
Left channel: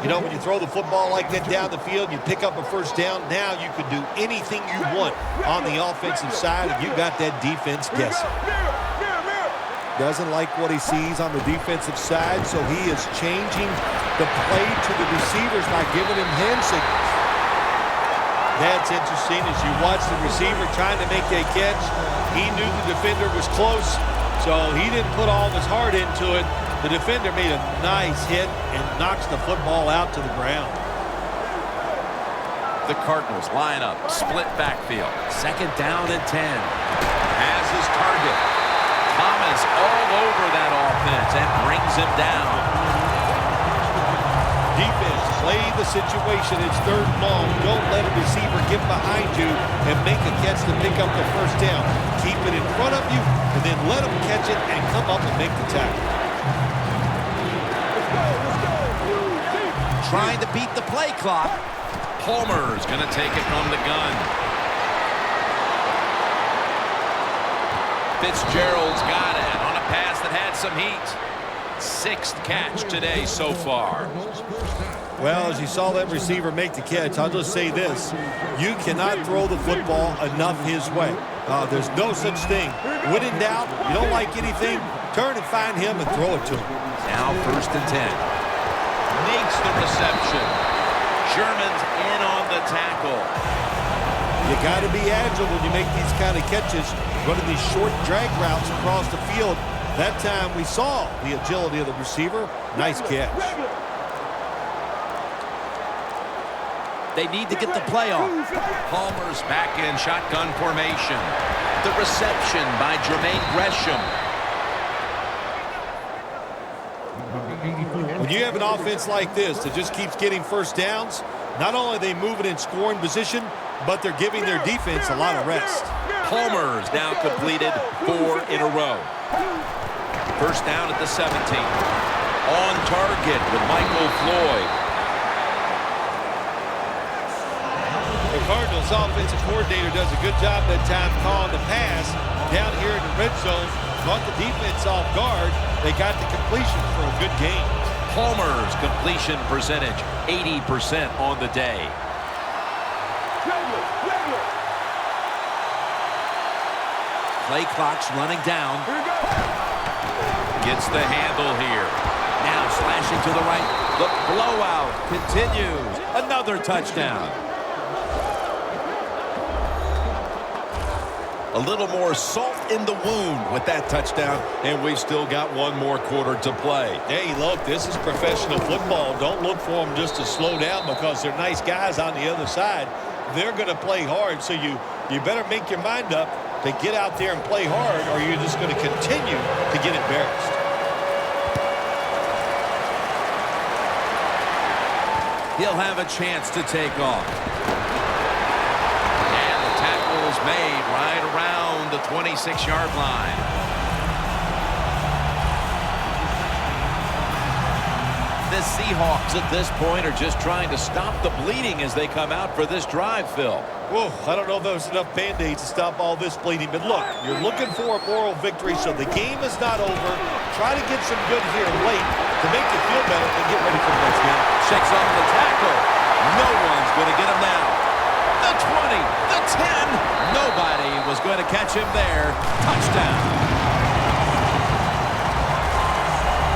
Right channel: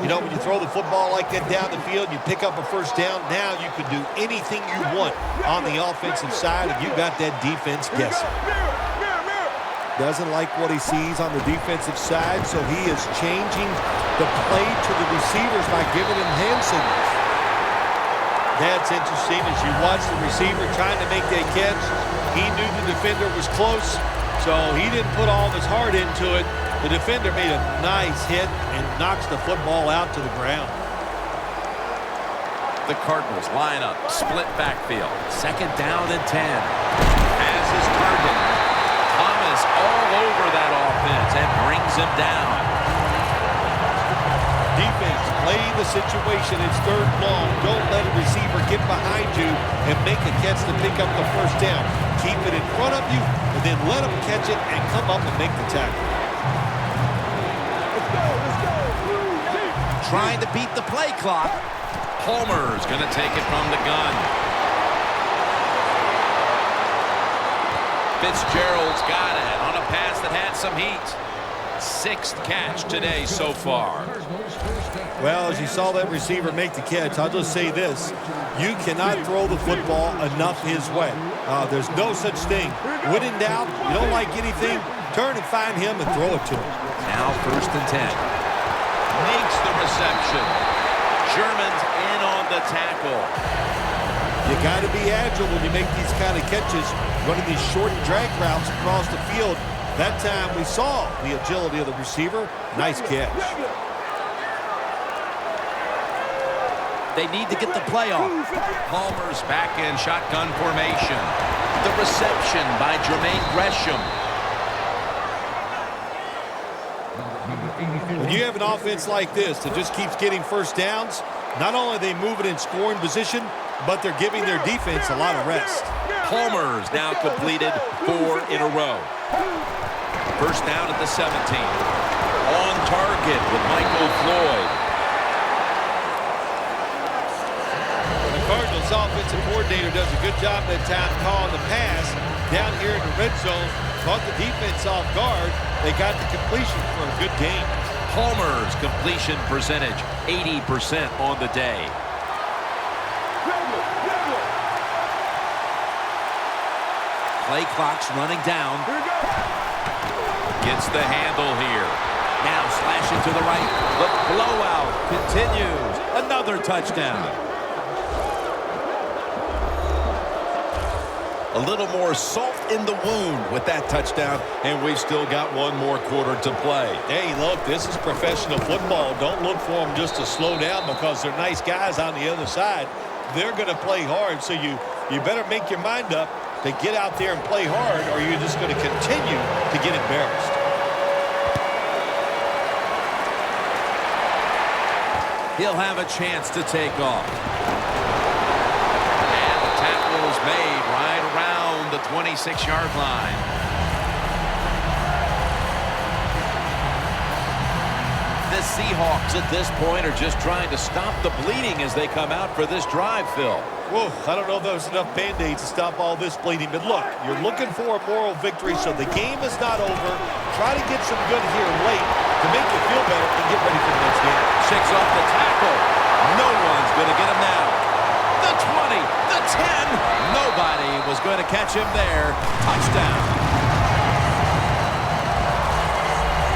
You know, when you throw the football like that down the field, you pick up a first down, now you can do anything you want on the offensive side, and you got that defense guessing. Doesn't like what he sees on the defensive side, so he is changing the play to the receivers by giving him hand signals. That's interesting as you watch the receiver trying to make that catch. He knew the defender was close, so he didn't put all of his heart into it. The defender made a nice hit and knocks the football out to the ground. The Cardinals line up, split backfield. 2nd down and 10. Has his target. Thomas all over that offense and brings him down. Defense, play the situation. It's 3rd and long. Don't let a receiver get behind you and make a catch to pick up the first down. Keep it in front of you, and then let them catch it and come up and make the tackle. Trying to beat the play clock. Palmer's going to take it from the gun. Fitzgerald's got it on a pass that had some heat. 6th catch today so far. Well, as you saw that receiver make the catch, I'll just say this. You cannot throw the football enough his way. There's no such thing. When in doubt, you don't like anything, turn and find him and throw it to him. Now 1st and 10. Makes the reception. Sherman's in on the tackle. You got to be agile when you make these kind of catches, running these short drag routes across the field. That time we saw the agility of the receiver. Nice catch. They need to get the play off. Palmer's back in shotgun formation. The reception by Jermaine Gresham. When you have an offense like this that just keeps getting first downs, not only are they moving in scoring position, but they're giving their defense a lot of rest. Palmer's now completed 4 in a row. 1st down at the 17. On target with Michael Floyd. The Cardinals offensive coordinator does a good job that time calling the pass down here in the red zone. Caught the defense off guard. They got the completion for a good game. Palmer's completion percentage, 80% on the day. Play clock's running down. Gets the handle here. Now slashing to the right. The blowout continues. Another touchdown. A little more salt in the wound with that touchdown, and we've still got one more quarter to play. Hey, look, this is professional football. Don't look for them just to slow down because they're nice guys on the other side. They're going to play hard, so you better make your mind up to get out there and play hard, or you're just going to continue to get embarrassed. He'll have a chance to take off. And the tackle is made right around the 26-yard line. The Seahawks at this point are just trying to stop the bleeding as they come out for this drive, Phil. Whoa, I don't know if there's enough Band-Aids to stop all this bleeding, but look, you're looking for a moral victory, so the game is not over. Try to get some good here late to make you feel better and get ready for the next game. Shakes off the tackle. No one's going to get him now. The 20, the 10. Nobody was going to catch him there. Touchdown.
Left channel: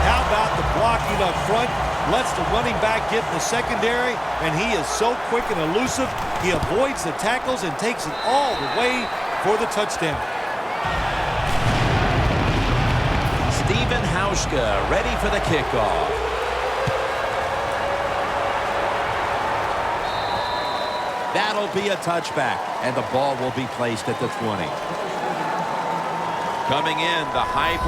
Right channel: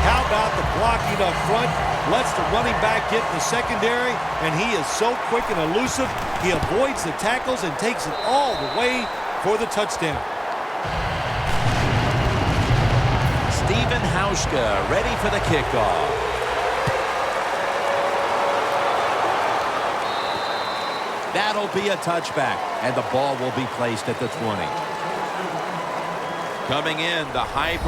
How about the blocking up front? Lets the running back get in the secondary, and he is so quick and elusive. He avoids the tackles and takes it all the way for the touchdown. Steven Hauschka ready for the kickoff. That'll be a touchback, and the ball will be placed at the 20. Coming in, the high...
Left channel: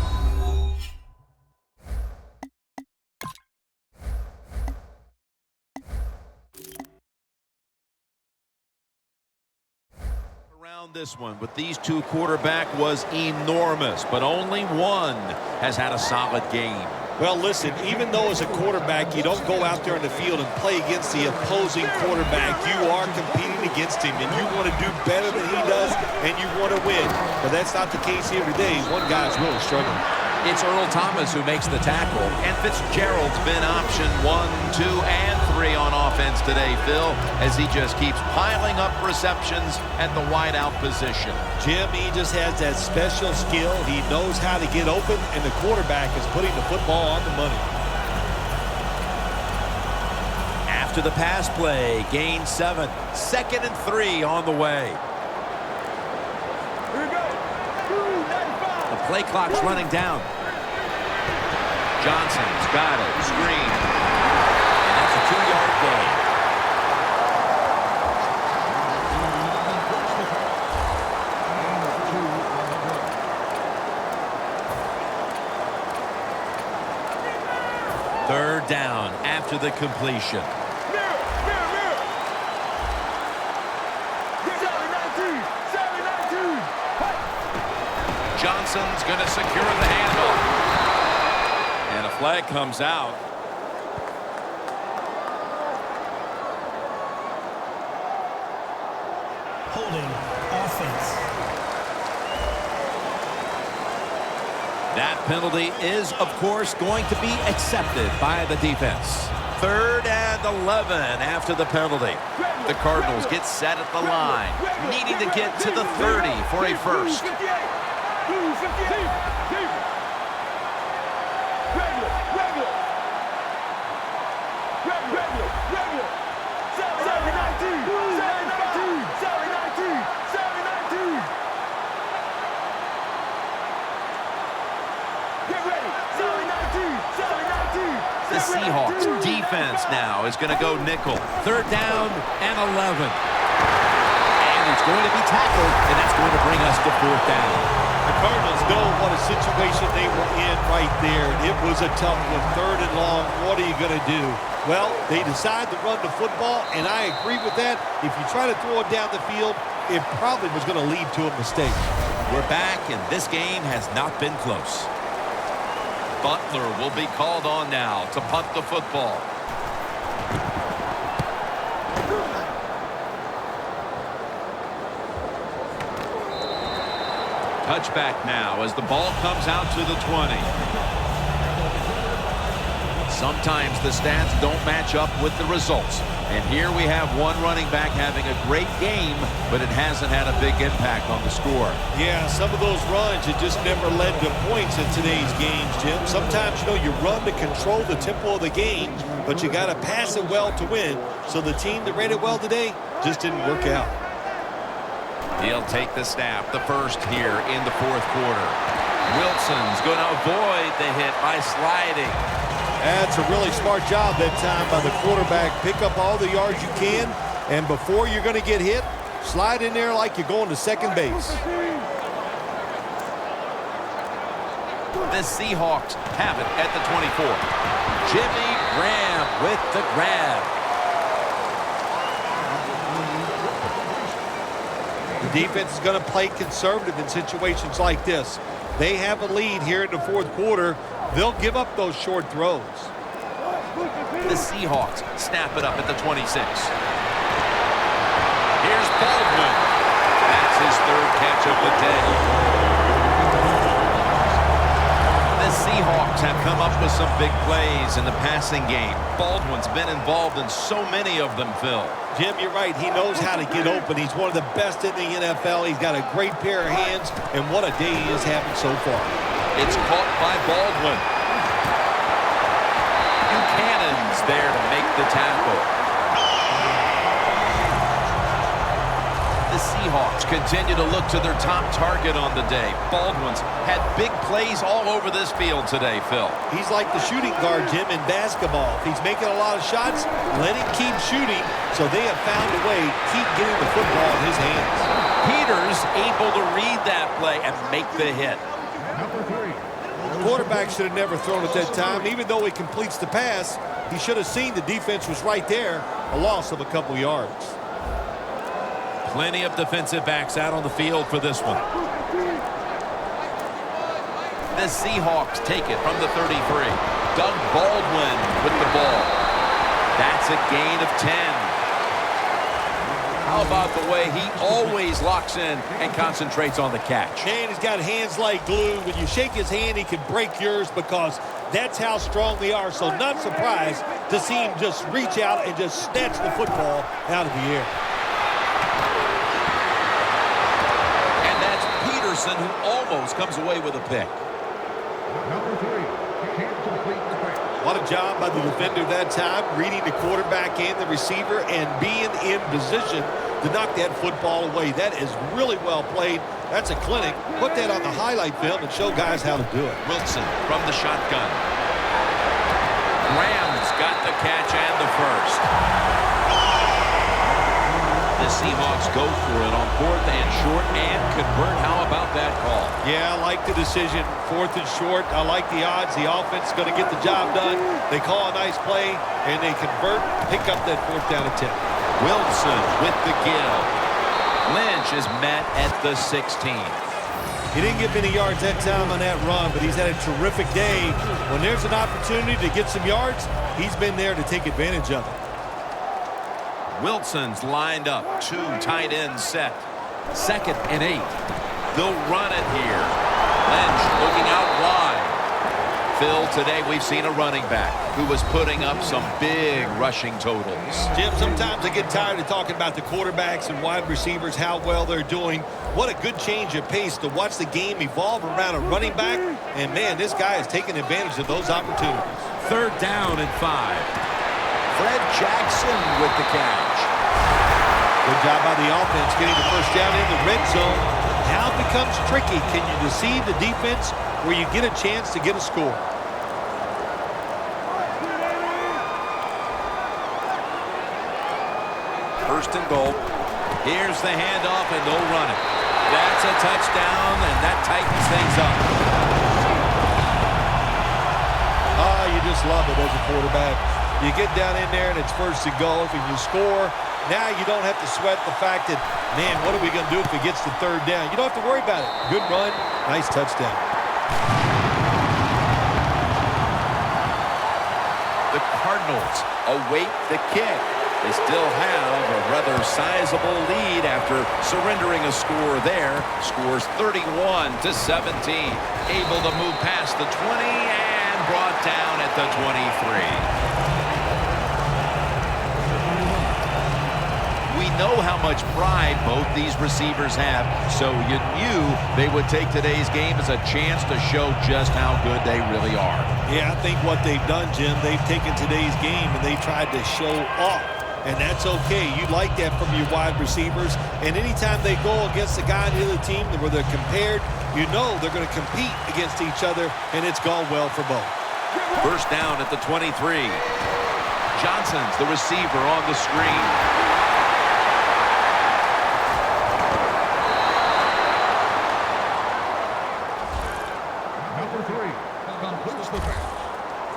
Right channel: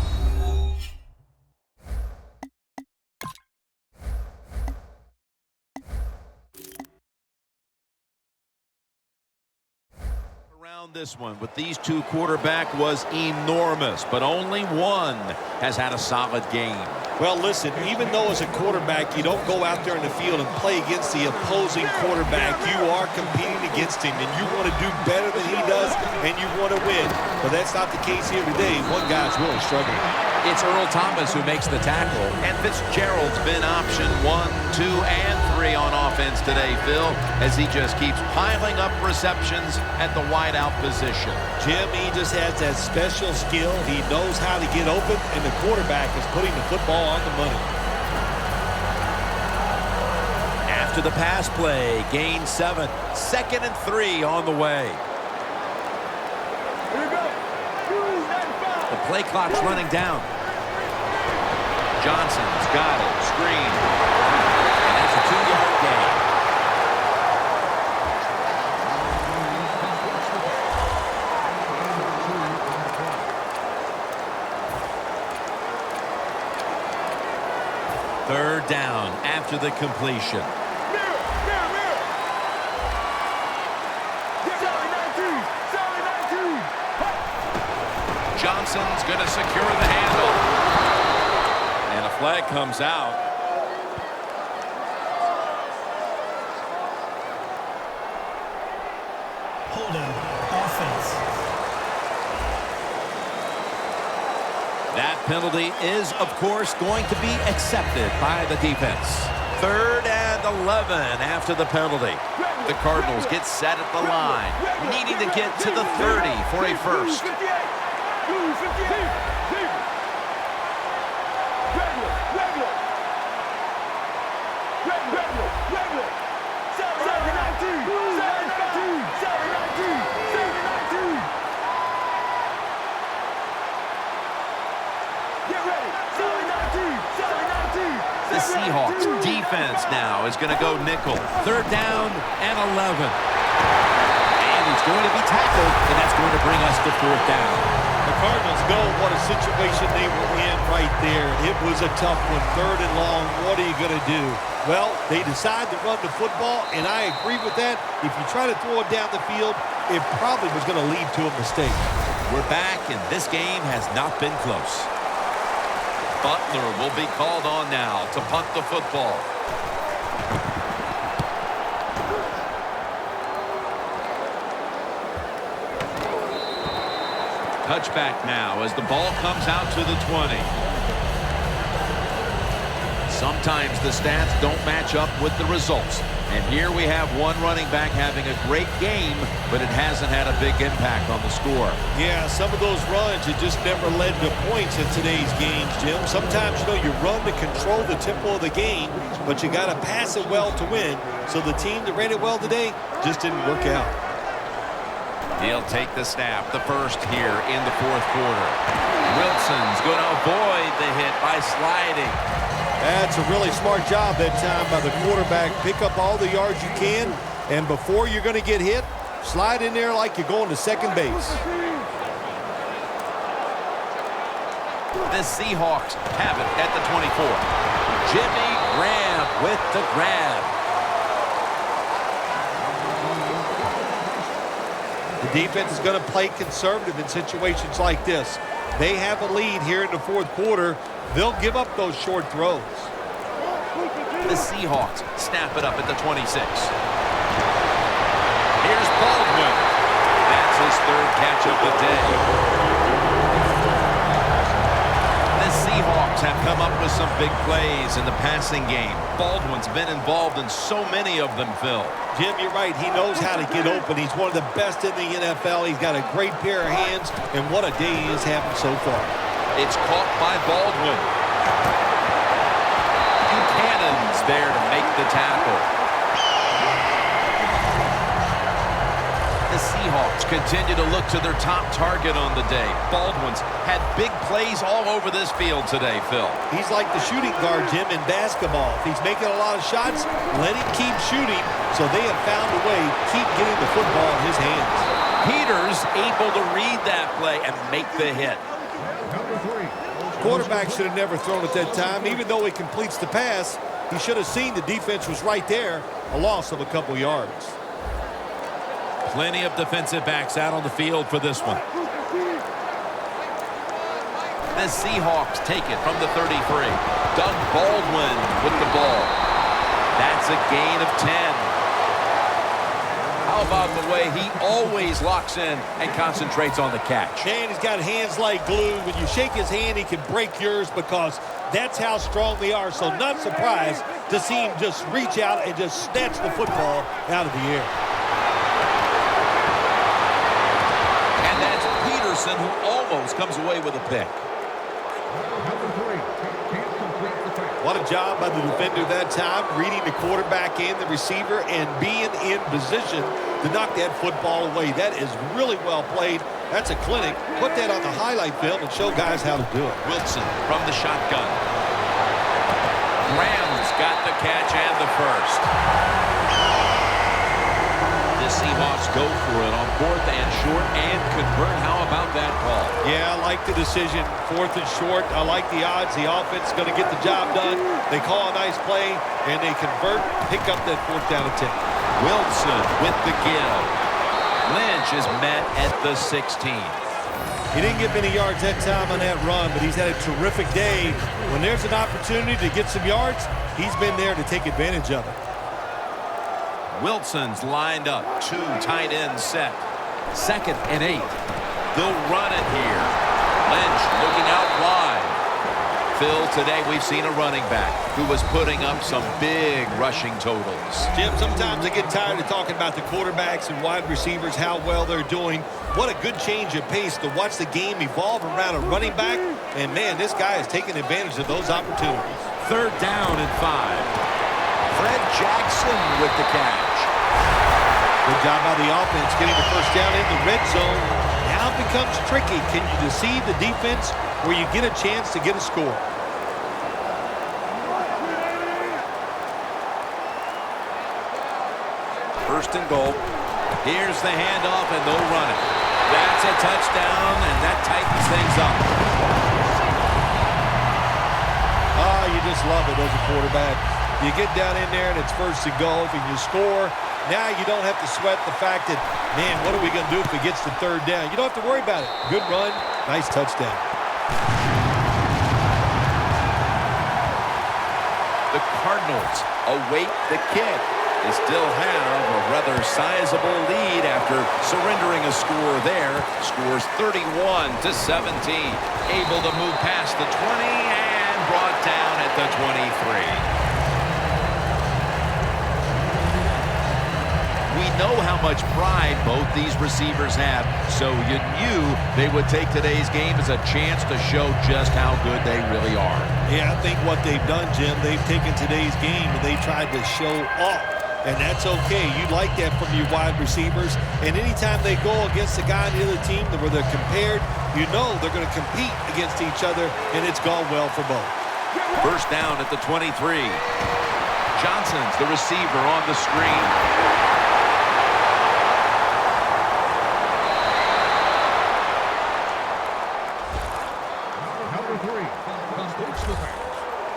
This one with these two quarterback was enormous, but only one has had a solid game. Well, listen, even though as a quarterback you don't go out there in the field and play against the opposing quarterback, you are competing against him, and you want to do better than he does, and you want to win. But that's not the case here today. One guy's really struggling. It's Earl Thomas who makes the tackle. And Fitzgerald's been option 1, 2, and 3 on offense today, Phil, as he just keeps piling up receptions at the wideout position. Jim, he just has that special skill. He knows how to get open, and the quarterback is putting the football on the money. After the pass play, gain 7. 2nd and 3 on the way. Here we go. The play clock's running down. Johnson's got it. Screen. And that's a 2-yard gain. Third down after the completion. Johnson's going to secure the handle. And a flag comes out. holding offense. That penalty is, of course, going to be accepted by the defense. 3rd and 11 after the penalty. The Cardinals get set at the line, needing to get to the 30 for a first. The Seahawks defense now is going to go nickel. 3rd down and 11. And he's going to be tackled, and that's going to bring us to 4th down. The Cardinals know what a situation they were in right there. It was a tough one. 3rd and long. What are you going to do? Well, they decide to run the football, and I agree with that. If you try to throw it down the field, it probably was going to lead to a mistake. We're back, and this game has not been close. Butler will be called on now to punt the football. Touchback now as the ball comes out to the 20. Sometimes the stats don't match up with the results. And here we have one running back having a great game, but it hasn't had a big impact on the score. Yeah, some of those runs, it just never led to points in today's games, Jim. Sometimes, you run to control the tempo of the game, but you got to pass it well to win. So the team that ran it well today just didn't work out. He'll take the snap, the first here in the 4th quarter. Wilson's going to avoid the hit by sliding. That's a really smart job that time by the quarterback. Pick up all the yards you can, and before you're going to get hit, slide in there like you're going to second base. The Seahawks have it at the 24. Jimmy Graham with the grab. The defense is going to play conservative in situations like this. They have a lead here in the 4th quarter. They'll give up those short throws. The Seahawks snap it up at the 26. Here's Baldwin. That's his 3rd catch of the day. The Seahawks have come up with some big plays in the passing game. Baldwin's been involved in so many of them, Phil. Jim, you're right. He knows how to get open. He's one of the best in the NFL. He's got a great pair of hands, and what a day he is having so far. It's caught by Baldwin. Buchanan's there to make the tackle. The Seahawks continue to look to their top target on the day. Baldwin's had big plays all over this field today, Phil. He's like the shooting guard, Jim, in basketball. If he's making a lot of shots, let him keep shooting. So they have found a way to keep getting the football in his hands. Peters able to read that play and make the hit. Quarterback should have never thrown at that time. Even though he completes the pass, he should have seen the defense was right there. A loss of a couple yards. Plenty of defensive backs out on the field for this one. The Seahawks take it from the 33. Doug Baldwin with the ball. That's a gain of 10. How about the way he always locks in and concentrates on the catch? Man, he's got hands like glue. When you shake his hand, he can break yours because that's how strong they are. So not surprised to see him just reach out and just snatch the football out of the air. And that's Peterson, who almost comes away with a pick. What a job by the defender that time, reading the quarterback and the receiver and being in position to knock that football away. That is really well played. That's a clinic. Put that on the highlight film and show guys how to do it. Wilson from the shotgun. Graham's got the catch and the first. The Seahawks go for it on 4th and short and convert. How about that call? Yeah, I like the decision. 4th and short. I like the odds. The offense is going to get the job done. They call a nice play, and they convert, pick up that 4th down and 10. Wilson with the give. Lynch is met at the 16. He didn't get many yards that time on that run, but he's had a terrific day. When there's an opportunity to get some yards, he's been there to take advantage of it. Wilson's lined up. 2 tight ends set. 2nd and 8. They'll run it here. Lynch looking out wide. Phil, today we've seen a running back who was putting up some big rushing totals. Jim, sometimes I get tired of talking about the quarterbacks and wide receivers, how well they're doing. What a good change of pace to watch the game evolve around a running back. And, man, this guy is taking advantage of those opportunities. 3rd down and 5. Fred Jackson with the catch. Good job by the offense getting the first down in the red zone. Now it becomes tricky. Can you deceive the defense where you get a chance to get a score? First and goal. Here's the handoff, and they'll run it. That's a touchdown, and that tightens things up. Ah, you just love it as a quarterback. You get down in there, and it's first and goal, and you score. Now you don't have to sweat the fact that, man, what are we going to do if it gets to 3rd down? You don't have to worry about it. Good run, nice touchdown. The Cardinals await the kick. They still have a rather sizable lead after surrendering a score there. Scores 31-17. Able to move past the 20 and brought down at the 23. We know how much pride both these receivers have, so you knew they would take today's game as a chance to show just how good they really are. Yeah, I think what they've done, Jim, they've taken today's game and they tried to show off. And that's okay. You like that from your wide receivers. And anytime they go against a guy on the other team where they're compared, you know they're going to compete against each other, and it's gone well for both. First down at the 23. Johnson's the receiver on the screen.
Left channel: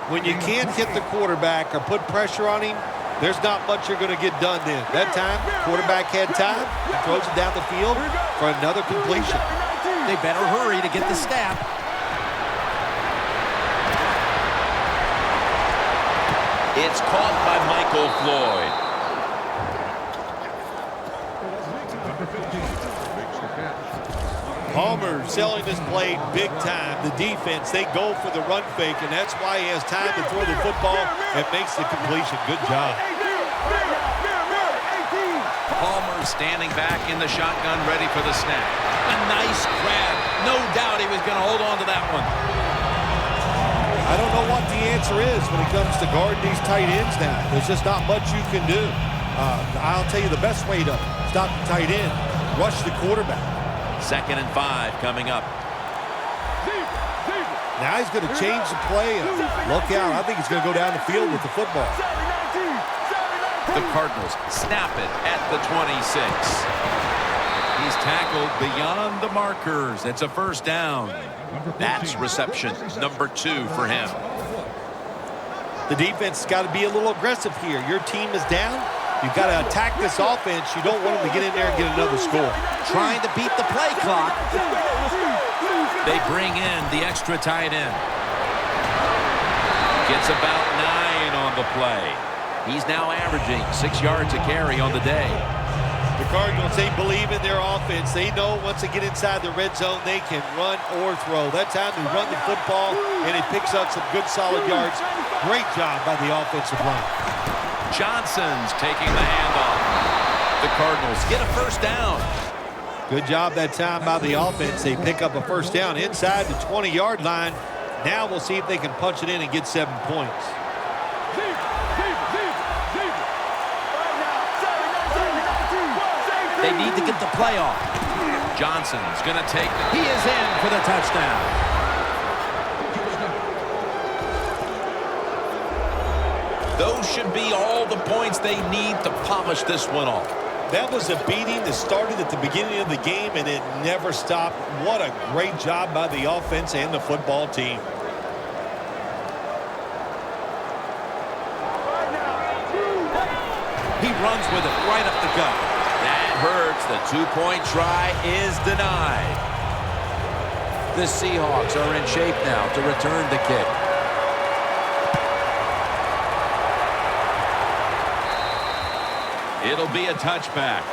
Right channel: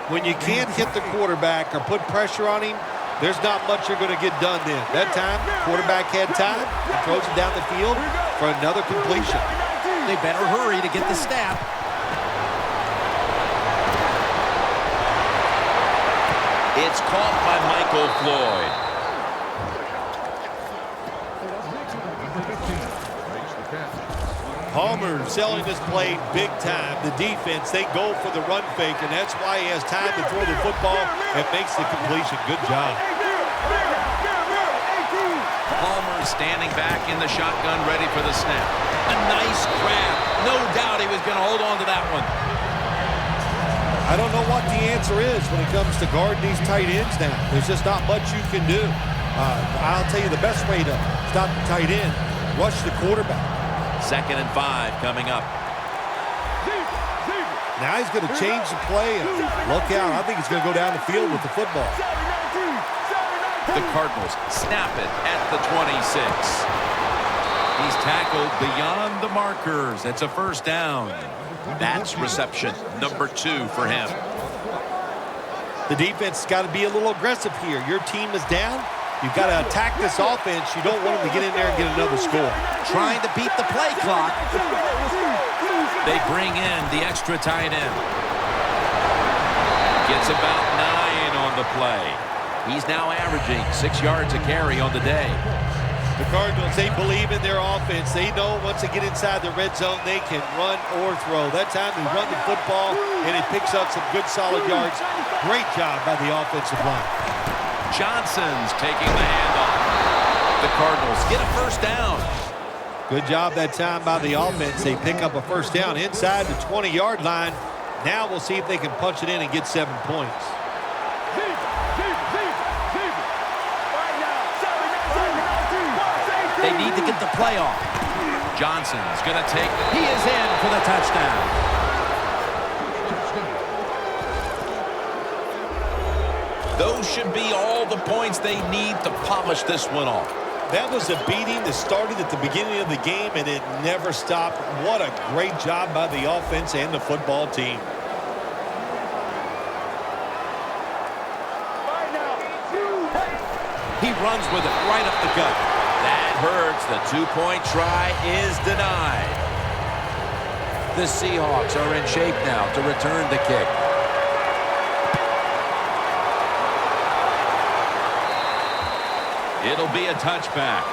When you can't hit the quarterback or put pressure on him, there's not much you're going to get done then. That time, quarterback had time and throws it down the field for another completion. They better hurry to get the snap. It's caught by Michael Floyd. Palmer selling this play big time. The defense, they go for the run fake, and that's why he has time to throw the football and makes the completion. Good job. Palmer standing back in the shotgun, ready for the snap. A nice grab. No doubt he was going to hold on to that one. I don't know what the answer is when it comes to guarding these tight ends now. There's just not much you can do. I'll tell you the best way to stop the tight end, rush the quarterback. 2nd and 5 coming up. Now he's going to change the play. And look out. I think he's going to go down the field with the football. The Cardinals snap it at the 26. He's tackled beyond the markers. It's a first down. That's reception number 2 for him. The defense has got to be a little aggressive here. Your team is down. You've got to attack this offense. You don't want them to get in there and get another score. Trying to beat the play clock. They bring in the extra tight end. Gets about 9 on the play. He's now averaging 6 yards a carry on the day. The Cardinals, they believe in their offense. They know once they get inside the red zone, they can run or throw. That time they run the football, and it picks up some good solid yards. Great job by the offensive line. Johnson's taking the handoff. The Cardinals get a first down. Good job that time by the offense. They pick up a first down inside the 20-yard line. Now we'll see if they can punch it in and get 7 points. They need to get the play off. Johnson's going to take He is in for the touchdown. Those should be all the points they need to polish this one off. That was a beating that started at the beginning of the game, and it never stopped. What a great job by the offense and the football team. He runs with it right up the gut. That hurts. The 2-point try is denied. The Seahawks are in shape now to return the kick. It'll be a touchback.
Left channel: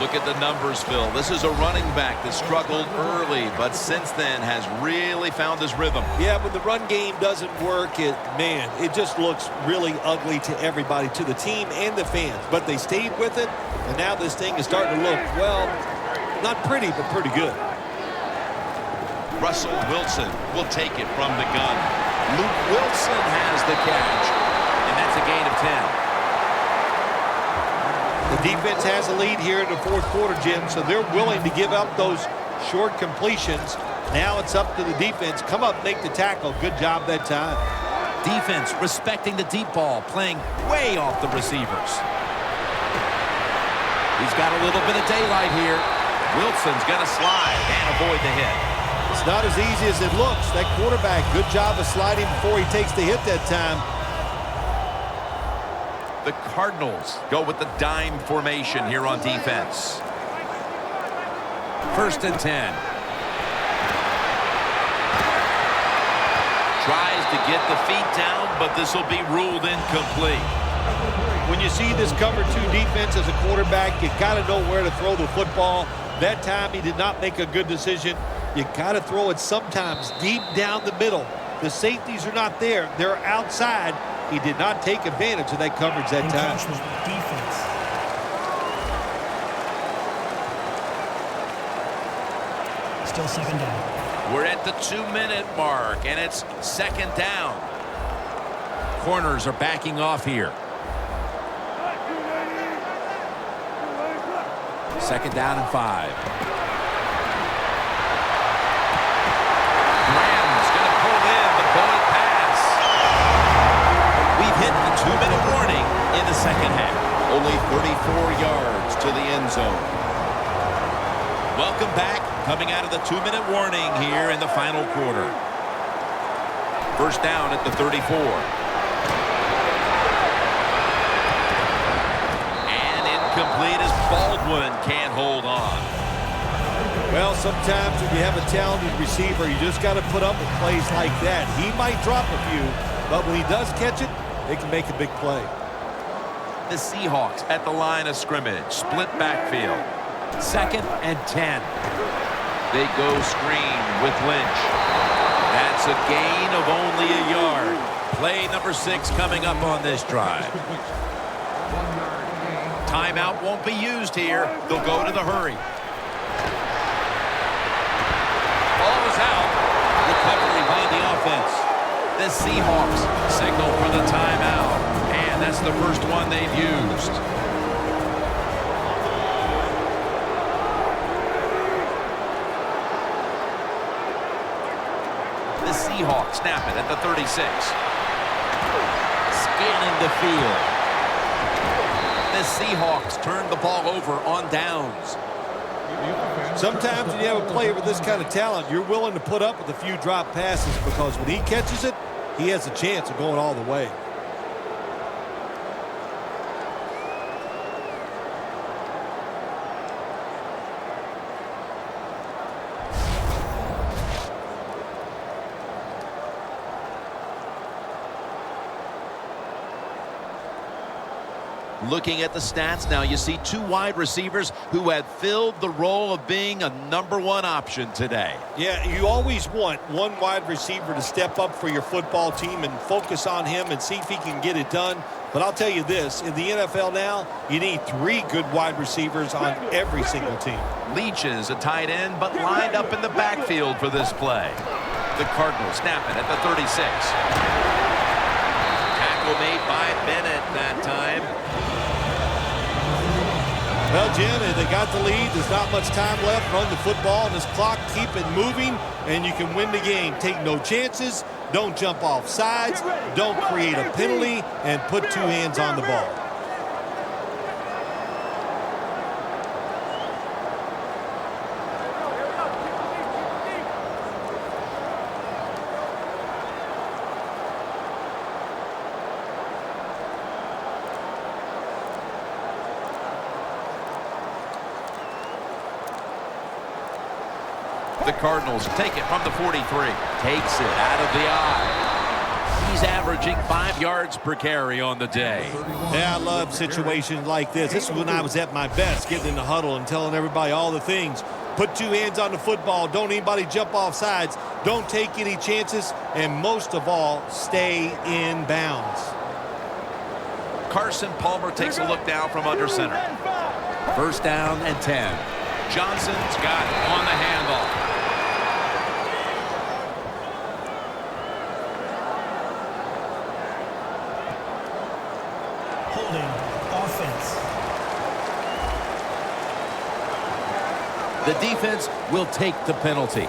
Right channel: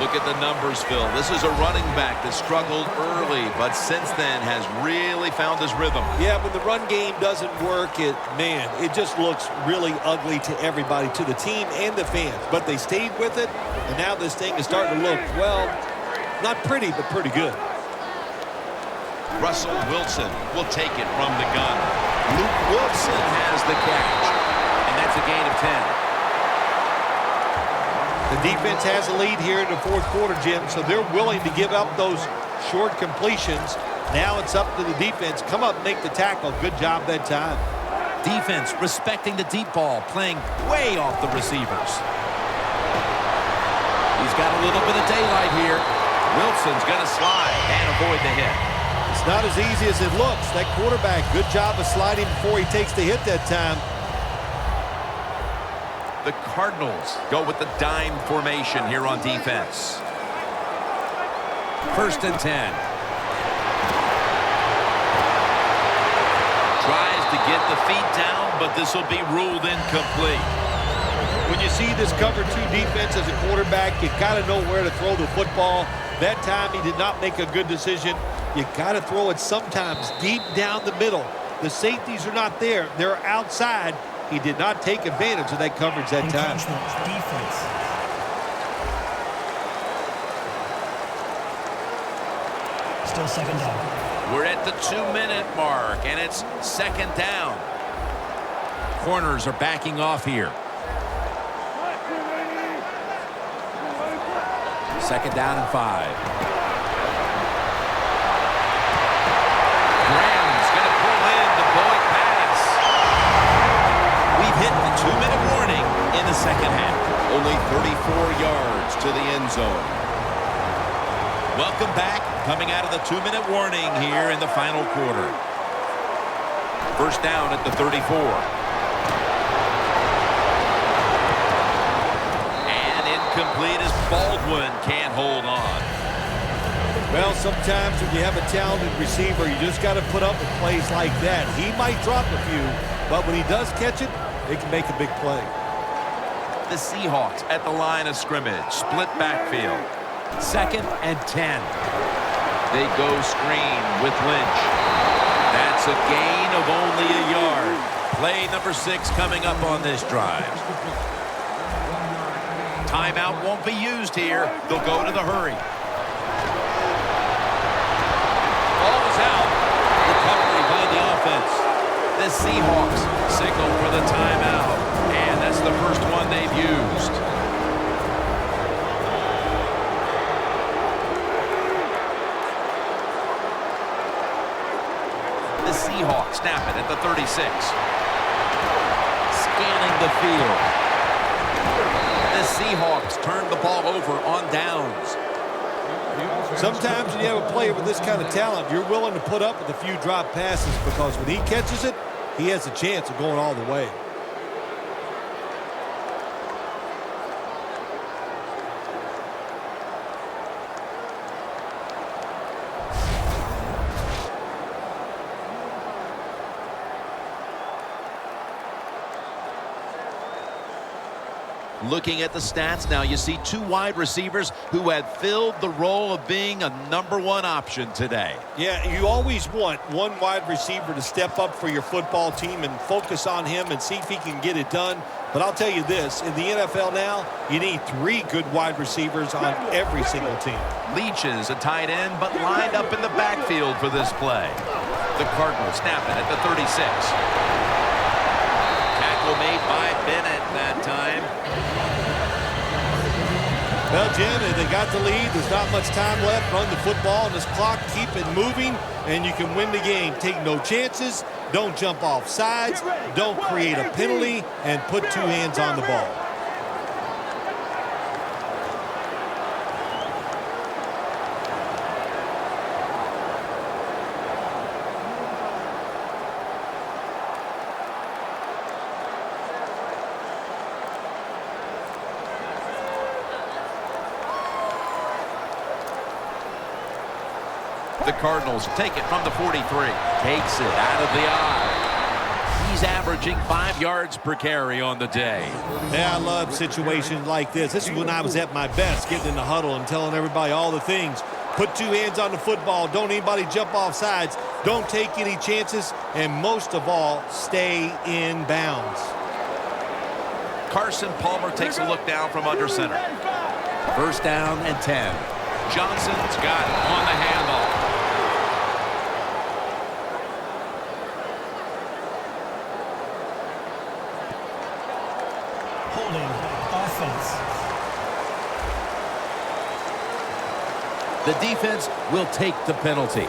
Look at the numbers, Phil. This is a running back that struggled early, but since then has really found his rhythm. Yeah, when the run game doesn't work, it just looks really ugly to everybody, to the team and the fans. But they stayed with it, and now this thing is starting to look, well, not pretty, but pretty good. Russell Wilson will take it from the gun. Luke Wilson has the catch, and that's a gain of 10. The defense has a lead here in the fourth quarter, Jim, so they're willing to give up those short completions. Now it's up to the defense. Come up, make the tackle. Good job that time. Defense respecting the deep ball, playing way off the receivers. He's got a little bit of daylight here. Wilson's going to slide and avoid the hit. It's not as easy as it looks. That quarterback, good job of sliding before he takes the hit that time. The Cardinals go with the dime formation here on defense. 1st and 10. Tries to get the feet down, but this will be ruled incomplete. When you see this cover 2 defense as a quarterback, you got to know where to throw the football. That time he did not make a good decision. You got to throw it sometimes deep down the middle. The safeties are not there. They're outside. He did not take advantage of that coverage that time. Defense. Still 2nd down. We're at the 2-minute mark, and it's 2nd down. Corners are backing off here. 2nd down and 5. Graham's going to pull in the bullet pass. We've hit the 2-minute warning in the 2nd half. Only 34 yards to the end zone. Welcome back. Coming out of the 2-minute warning here in the final quarter. 1st down at the 34. And incomplete as Baldwin can't hold on. Well, sometimes when you have a talented receiver, you just got to put up with plays like that. He might drop a few, but when he does catch it, they can make a big play. The Seahawks at the line of scrimmage. Split backfield. 2nd and 10. They go screen with Lynch. That's a gain of only a yard. Play number 6 coming up on this drive. Timeout won't be used here. They'll go to the hurry. Ball is out. Recovery by the offense. The Seahawks signal for the timeout. And that's the first one they've used. The Seahawks snap it at the 36. Scanning the field. The Seahawks turn the ball over on downs. Sometimes when you have a player with this kind of talent, you're willing to put up with a few drop passes because when he catches it, he has a chance of going all the way. Looking at the stats now, you see 2 wide receivers who have filled the role of being a #1 option today. Yeah, you always want one wide receiver to step up for your football team and focus on him and see if he can get it done. But I'll tell you this, in the NFL now, you need 3 good wide receivers on every single team. Leach is a tight end, but lined up in the backfield for this play. The Cardinals snap it at the 36. Tackle made by Bennett that time. Well, Jim, they got the lead. There's not much time left. Run the football on this clock. Keep it moving, and you can win the game. Take no chances. Don't jump off sides. Don't create a penalty, and put 2 hands on the ball. The Cardinals take it from the 43. Takes it out of the eye. He's averaging 5 yards per carry on the day. Yeah, I love situations like this. This is when I was at my best, getting in the huddle and telling everybody all the things. Put 2 hands on the football. Don't anybody jump off sides. Don't take any chances. And most of all, stay in bounds. Carson Palmer takes a look down from under center. First down and 10. Johnson's got it on the handoff. Holding offense. The defense will take the penalty.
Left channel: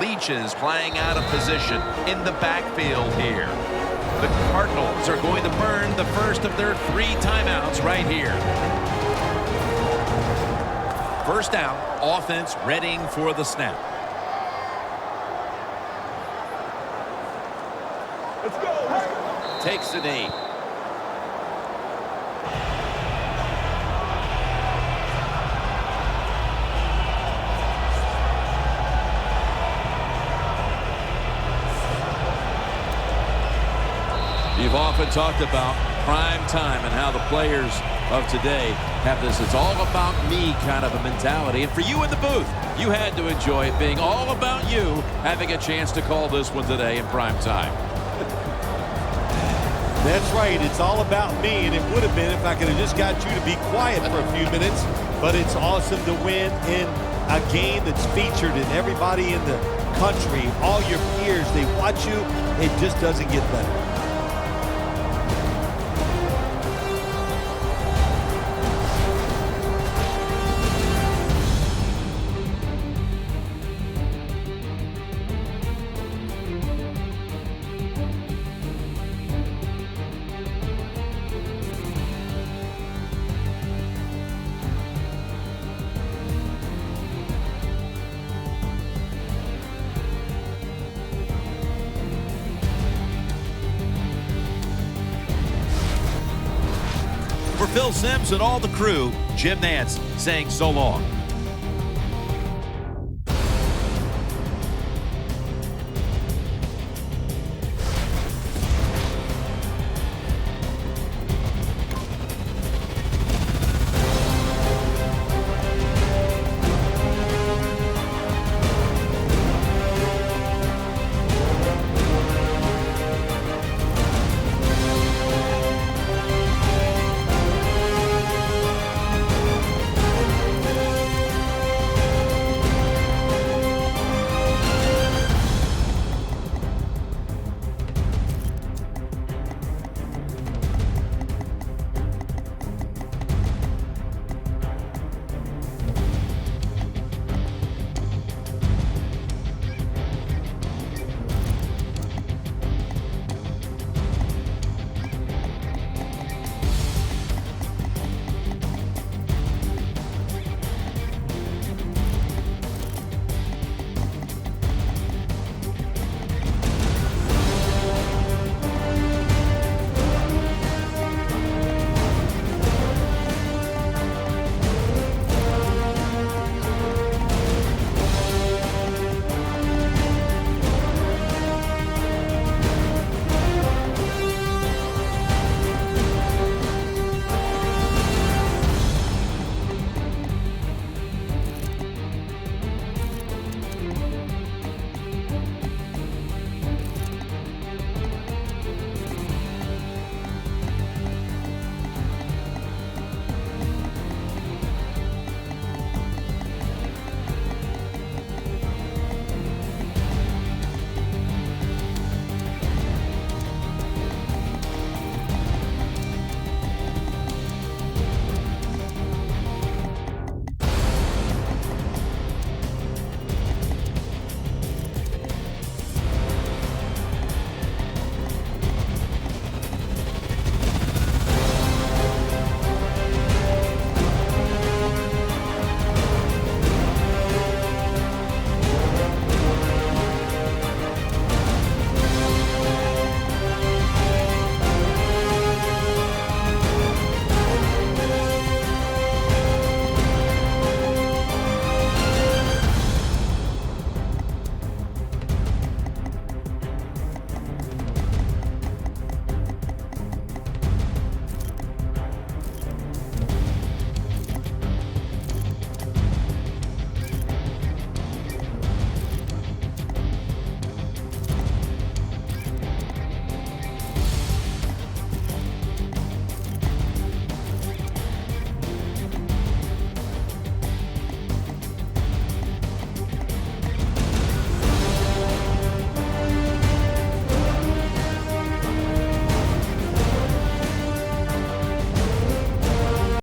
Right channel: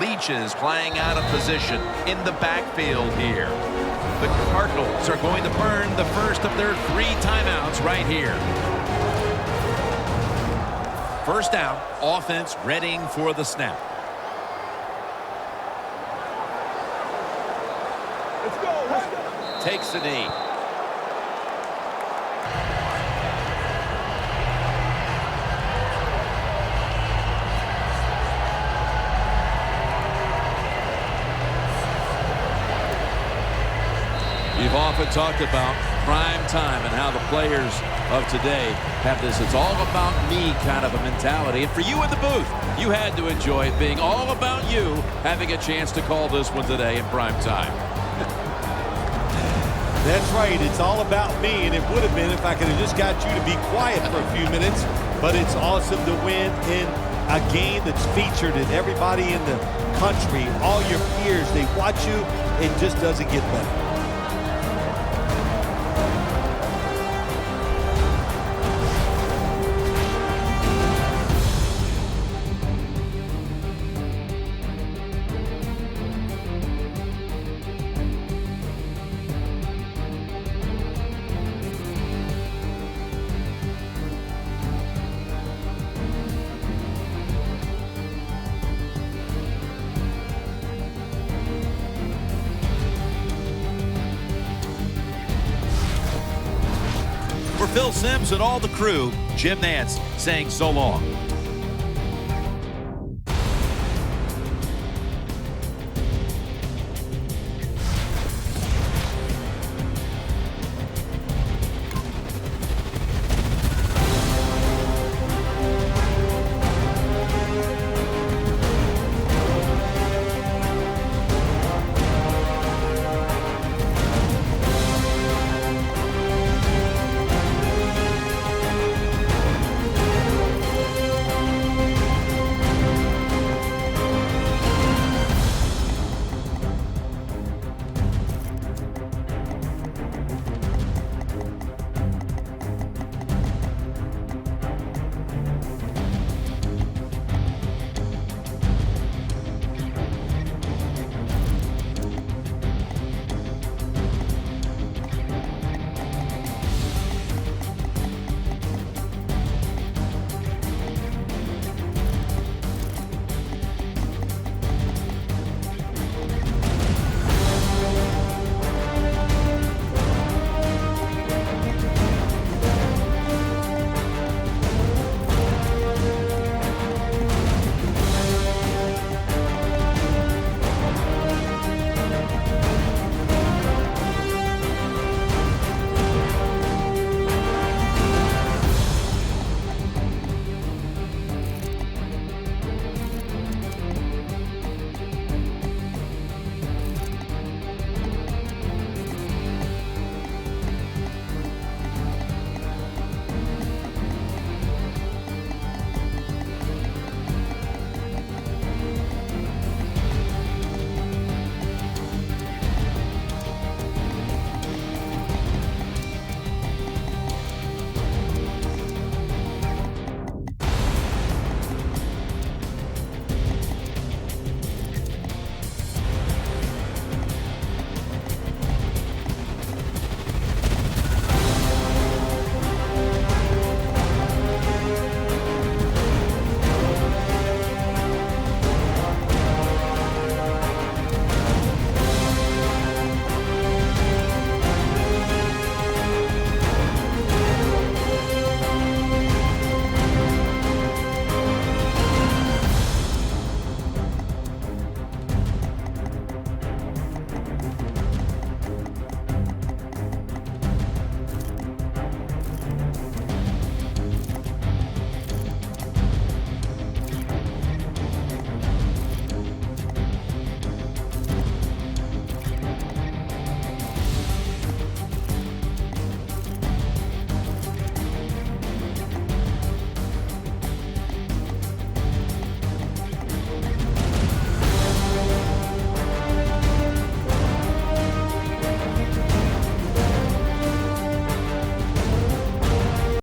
Leach is playing out of position in the backfield here. The Cardinals are going to burn the first of their 3 timeouts right here. First down, offense readying for the snap. Let's go. Takes the knee. You've often talked about prime time and how the players of today have this "it's all about me" kind of a mentality. And for you in the booth, you had to enjoy it being all about you having a chance to call this one today in prime time. That's right. It's all about me, and it would have been if I could have just got you to be quiet for a few minutes. But it's awesome to win in a game that's featured in everybody in the country. All your peers, they watch you. It just doesn't get better. For Phil Simms and all the crew, Jim Nantz saying so long.